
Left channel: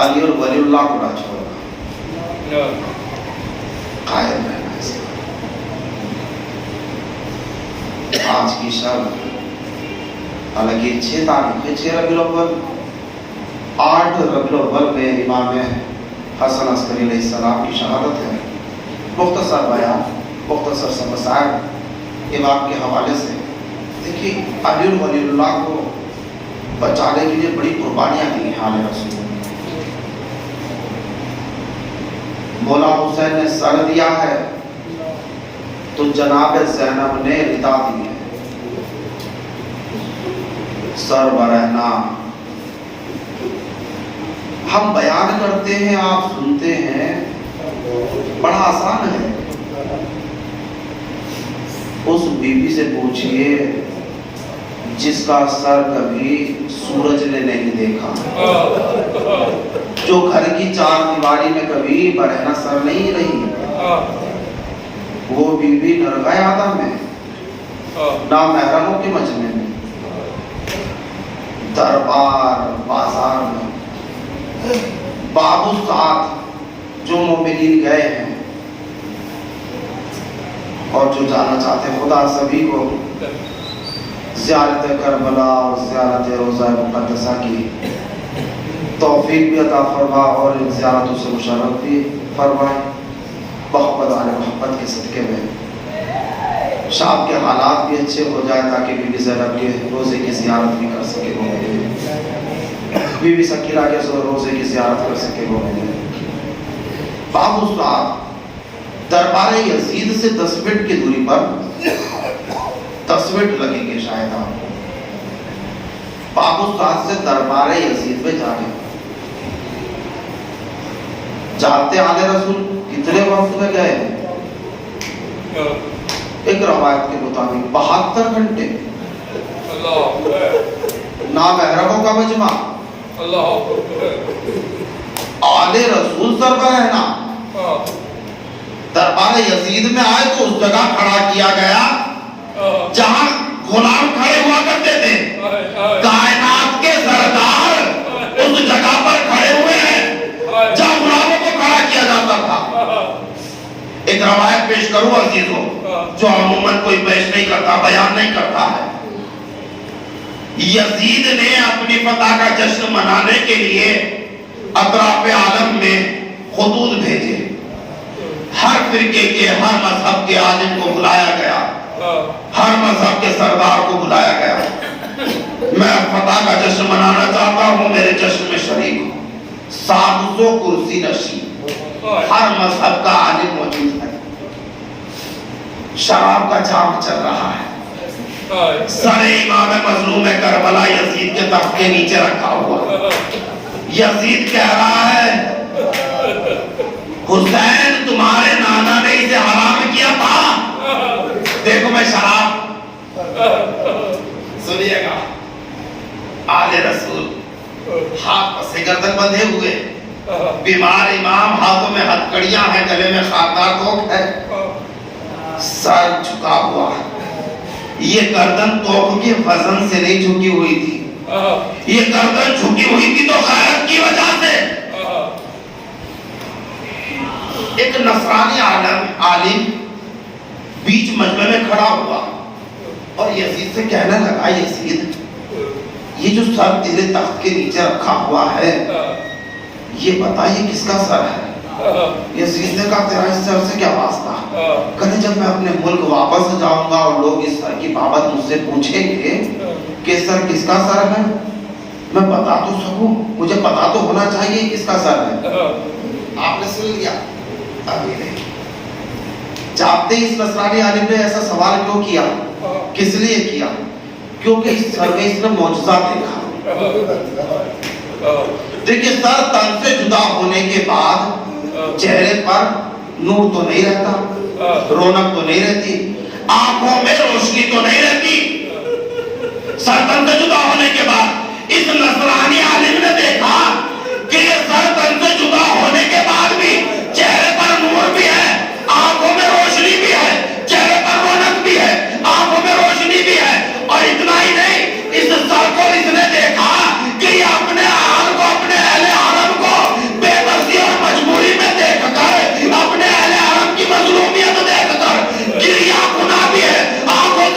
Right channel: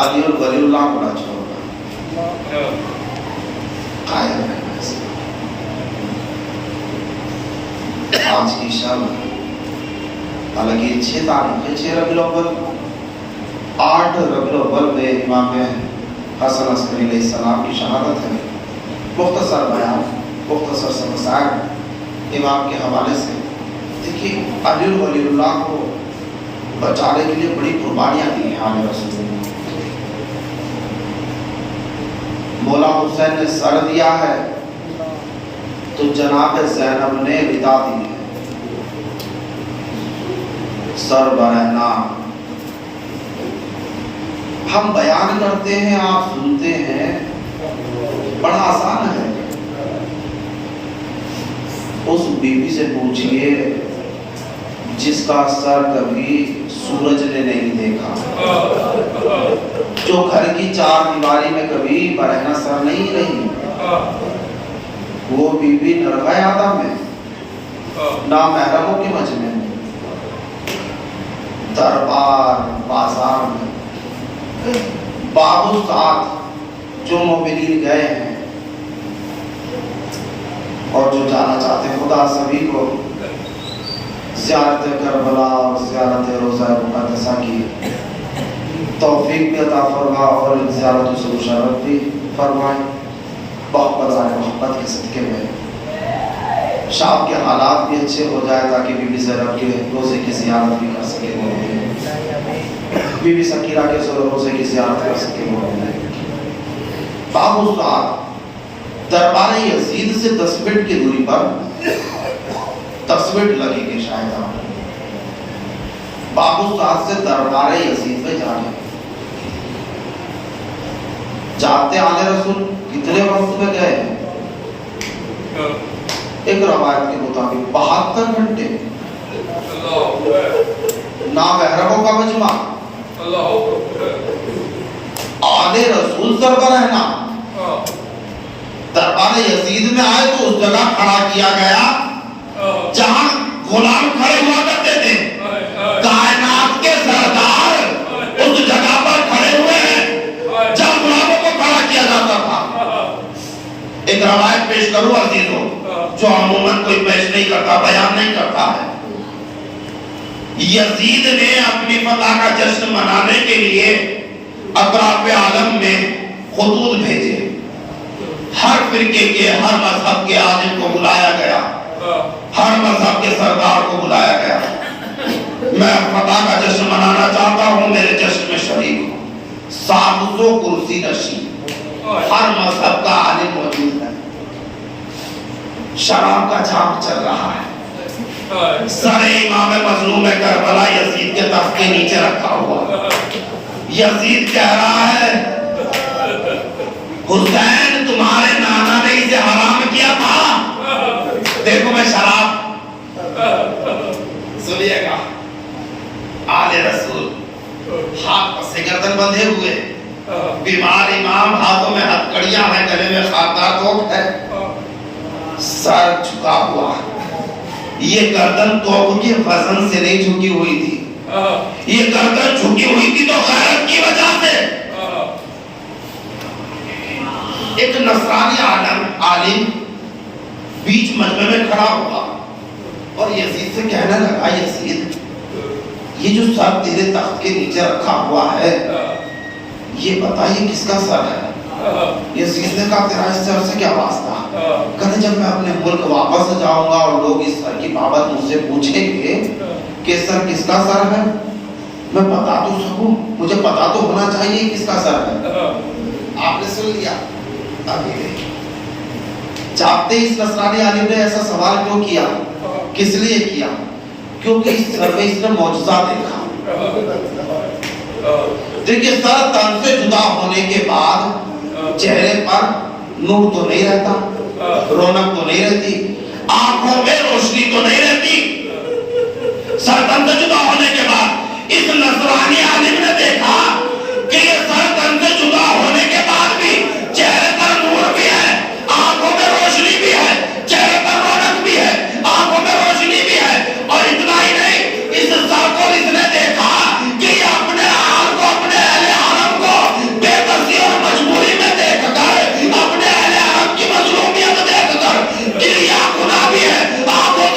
علی ولی اللہ کو نہ چھوڑنا، قائم رہنا اس میں۔ آج کی شب حالانکہ 6 تاریخ ہے، 6 ربیع الاول، 8 ربیع الاول میں امام حسن عسکری علیہ السلام کی شہادت ہے۔ مختصر بیان، مختصر سے مسائل امام کے حوالے سے دیکھیے علی ولی اللہ کو بچانے کے لیے بڑی قربانیاں دی ہیں آل رسول نے. مولا حسین نے سر دیا ہے تو جناب زینب نے ردا دی ہے. سر برہنا ہم بیان کرتے ہیں آپ سنتے ہیں, بڑا آسان ہے. اس بیوی سے پوچھئے جس کا سر کبھی سورج نے نہیں دیکھا, جو گھر کی چار دیواری میں کبھی برہنہ سر نہیں رہی, وہ بیوی نرغہ آدم میں نامحرموں کے مجمع میں دربار بازار میں بابو ساتھ جو مومنین گئے ہیں اور جو جانا چاہتے ہیں, خدا سبھی کو زیارت کربلا اور زیارت روضہ مقدسہ کی توفیق بھی عطا فرما اور ان زیارتوں سے مشرف بھی فرمائے. محبت والے محبت کے صدقے میں شام کے حالات بھی اچھے ہو جائے تاکہ بی بی زینب کے روزے کی زیارت بھی کر سکے وہ, بی بی سکینہ کے روزے کی زیارت کر سکے وہ. بابو صاحب دربار یزید سے 10 منٹ کی دوری پر 10 منٹ لگیں گے شاید آپ بابو صاحب سے دربار یزید میں جانے. جانتے آل رسول کتنے وقت میں گئے؟ ایک روایت کے مطابق 72 گھنٹے. نامحرموں کا مجمع, آل رسول سر پر رہنا. دربار یزید میں آئے تو اس جگہ کھڑا کیا گیا جہاں غلام کھڑے ہوا کرتے تھے. کائنات کے سردار اس جگہ پر کھڑے ہوئے ہیں جہاں غلاموں کو کھڑا کیا جاتا تھا. ایک روایت پیش کروں عزیزوں, جو عموماً کوئی پیش نہیں کرتا, بیان نہیں کرتا ہے. یزید نے اپنی فتح کا جشن منانے کے لیے اطراف عالم میں خطوط بھیجے. ہر فرقے کے, ہر مذہب کے عالم کو بلایا گیا, ہر مذہب کے سردار کو بلایا گیا. میں فتح کا جشن منانا چاہتا ہوں, میرے جشن میں شریک ہوں. 700 کرسی نشین, ہر مذہب کا عالم موجود ہے. شراب کا جام چل رہا ہے. سر امام مظلوم کربلا یزید کے تخت کے نیچے رکھا ہوا. یزید کہہ رہا ہے حسین تمہارے نانا نے اسے حرام کیا تھا. دیکھو میں شراب, سنیے گا آل رسول ہاتھ پس گردن بندھے ہوئے, بیمار امام, ہاتھوں میں ہتھکڑیاں ہیں, گلے میں خاردار توق ہے, سر جھکا ہوا. یہ گردن توق کے وزن سے نہیں جھکی ہوئی تھی, یہ گردن جھکی ہوئی تھی تو غیرت کی وجہ سے. ایک نصرانی عالم بیچ مجمع میں کھڑا ہوا اور یزید سے کہنے لگا, یزید یہ جو سر تیرے تخت کے نیچے رکھا ہوا ہے یہ بتائیے کس کا سر ہے؟ یزید نے کہا تیرا اس سر سے کیا واسطہ؟ کہتے جب میں اپنے ملک واپس جاؤں گا اور لوگ اس سر کی بابت مجھ سے پوچھیں گے کہ سر کس کا سر ہے, میں بتا تو سکوں, مجھے پتا تو ہونا چاہیے کس کا سر ہے. آپ نے سن لیا. جانتے اس نصرانی عالم نے ایسا سوال کیوں کیا, کس لیے کیا؟ کیونکہ اس سر میں اس نے معجزہ دیکھا. دیکھیے سر تن سے جدا ہونے کے بعد چہرے پر نور تو نہیں رہتا, رونق تو نہیں رہتی, آنکھوں میں روشنی تو نہیں رہتی. سر تن سے جدا ہونے کے بعد اس نصرانی عالم نے دیکھا کہ یہ سر تن سے جدا ہونے کے بعد بھی چہرے پر نور بھی ہے, آنکھوں میں روشنی بھی ہے, چہرے پر رونق بھی ہے, آنکھوں میں روشنی بھی ہے. اور اتنا ہی نہیں, اس سر کو اس نے دیکھا کہ یہ اپنے حال کو, اپنے اہل حرم کو بے بسی اور مجبوری میں دیکھ کر, اپنے اہل حرم کی مظلومیت دیکھ کر گریہ کنا بھی ہے, آنکھوں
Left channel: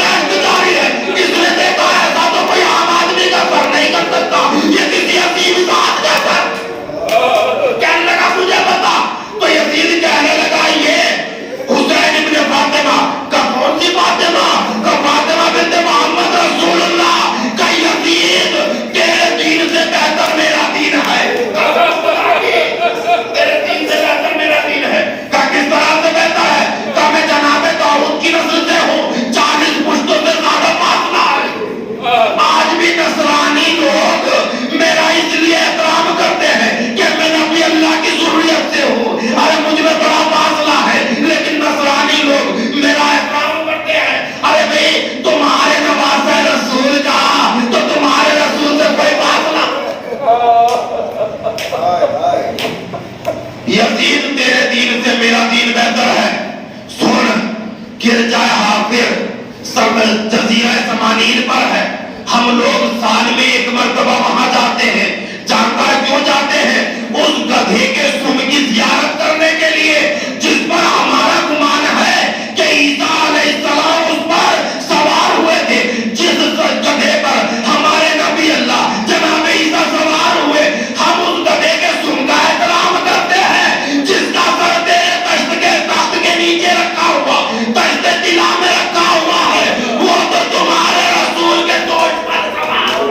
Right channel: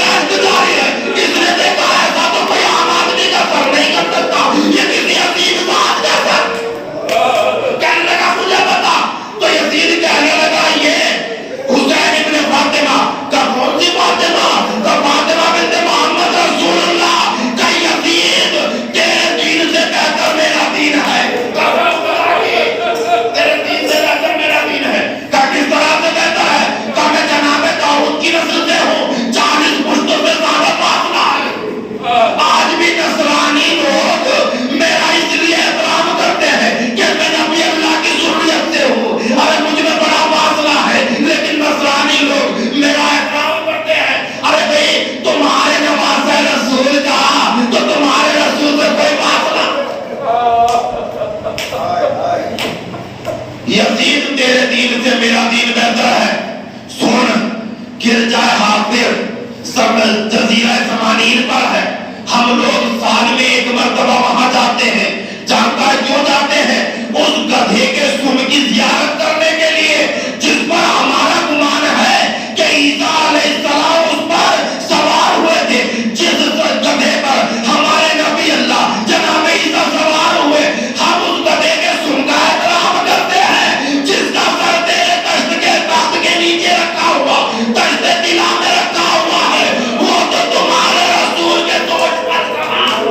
جزیرہ سمانین پر ہے. ہم لوگ سال میں ایک مرتبہ وہاں جاتے ہیں. جانتا ہے کیوں جاتے ہیں؟ اس گدھے کے سم کی زیارت کرنے کے لیے جس پر ہمارا گمان ہے کہ عیسیٰ علیہ السلام اس پر سوار ہوئے تھے. جس گدھے پر ہمارے نبی اللہ جناب عیسیٰ سوار ہوئے, ہم اس گدھے کے سم کا احترام کرتے ہیں جس کا سر تیرے تخت کے تخت کے نیچے رکھا ہوا, تخت طلا میں رکھا ہوا ہے. وہ تو تمہارے رسول کے دوش پر سوار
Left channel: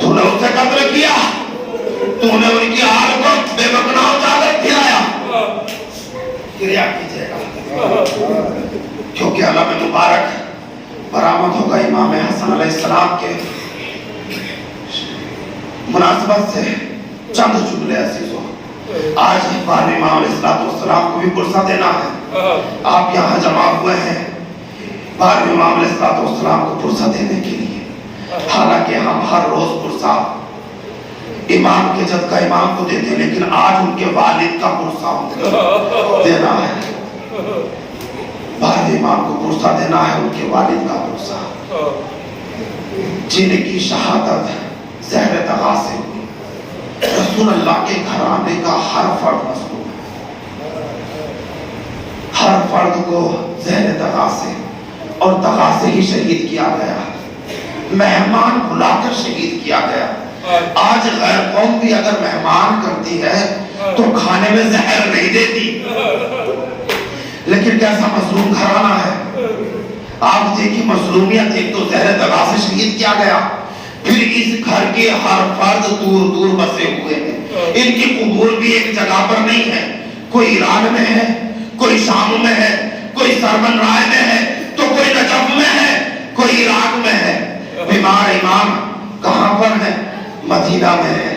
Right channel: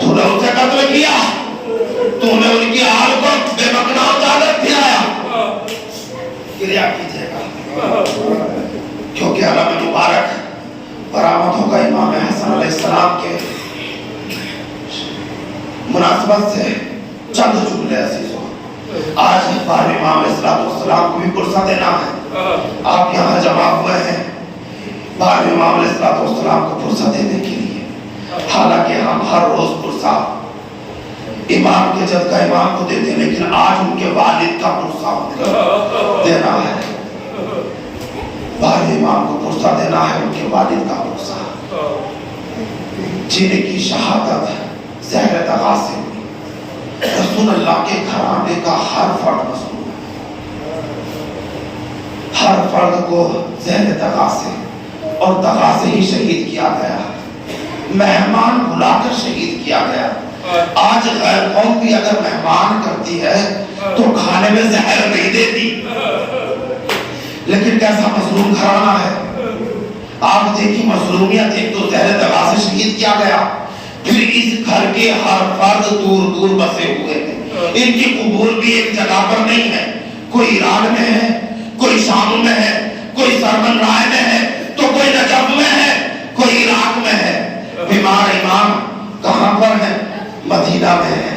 تو نے ان سے قتل کیا, تو نے ان کی آل کو بے مقناع چادر پھرایا. کریا کیجئے گا کیونکہ علم مبارک برآمد ہوگا امام حسن علیہ السلام کے مناسبت سے چند جملے عزیزوں. آج بارہویں امام علیہ السلام کو بھی پرسہ دینا ہے. آپ یہاں جمع ہوئے ہیں بارہویں امام علیہ السلام کو پرسہ دینے کے لیے. حالانکہ ہم ہر روز پرسہ امام کے جد کا امام کو دیتے ہیں, لیکن آج ان کے والد کا پرسہ دینا ہے. بارہویں امام کو پرسہ دینا ہے, ان کے والد کا پرسہ جن کی شہادت زہر دغا سے ہوئی. رسول اللہ کے گھرانے کا ہر فرد مسئول ہے. ہر فرد کو زہر دغا سے اور دغا سے ہی شہید کیا گیا, مہمان بلا کر شہید کیا گیا. آج غیر قوم بھی اگر مہمان کرتی ہے تو کھانے میں زہر نہیں دیتی, لیکن کیسا مظلوم گھرانہ ہے. آپ دیکھیں مظلومیت, ایک تو زہر دغا سے شہید کیا گیا, پھر اس گھر کے ہر فرد دور دور بسے ہوئے ہیں. ان کی قبور بھی ایک جگہ پر نہیں ہے, کوئی ایران میں ہے, کوئی شام میں ہے, کوئی سرمن رائے میں ہے, تو کوئی نجف میں ہے, کوئی عراق میں ہے. بیمار امام کہاں پر ہے؟ مدینہ میں ہے.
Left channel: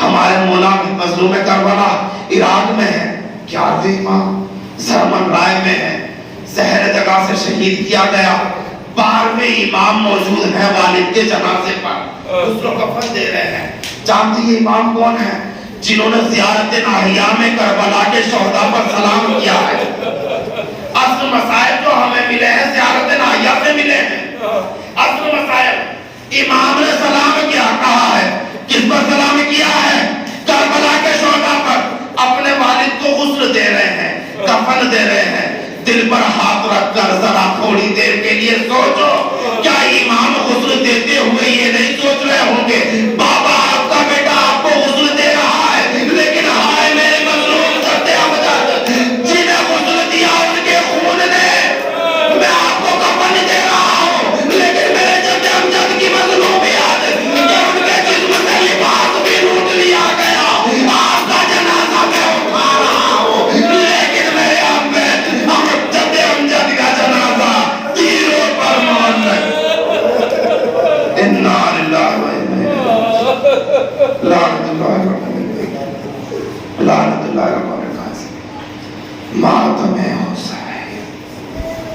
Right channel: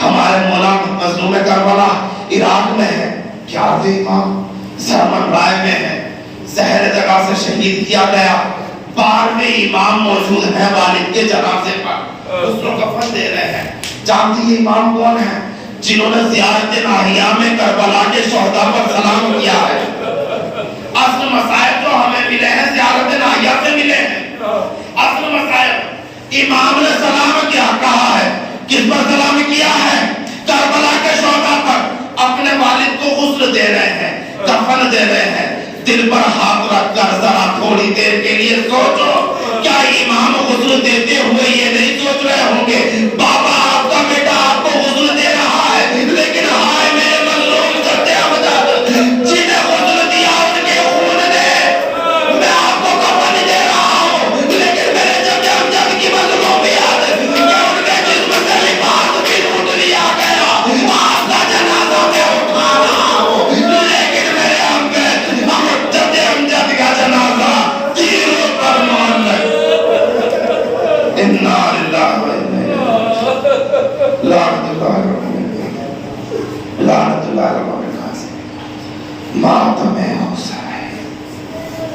ہمارے مولا مظلوم کربلا عراق میں ہے. 11ویں امام سرمن رائے میں ہے, زہر جگہ سے شہید کیا گیا. 12ویں امام موجود ہیں والد کے جنازے پر, اس کو کفن دے رہے ہیں. جانتی یہ امام کون ہیں؟ جنہوں نے زیارت ناحیہ میں کربلا کے شہداء پر سلام کیا ہے. اصل مسائل جو ہمیں ملے ہیں زیارت ناحیہ سے ملے ہیں. اصل مسائل امام نے سلام کیا, کہا ہے کس پر سلام کیا ہے؟ کربلا کے شہداء پر. اپنے والد کو غسل دے رہے ہیں, کفن دے رہے ہیں, دل پر ہاتھ رکھ کر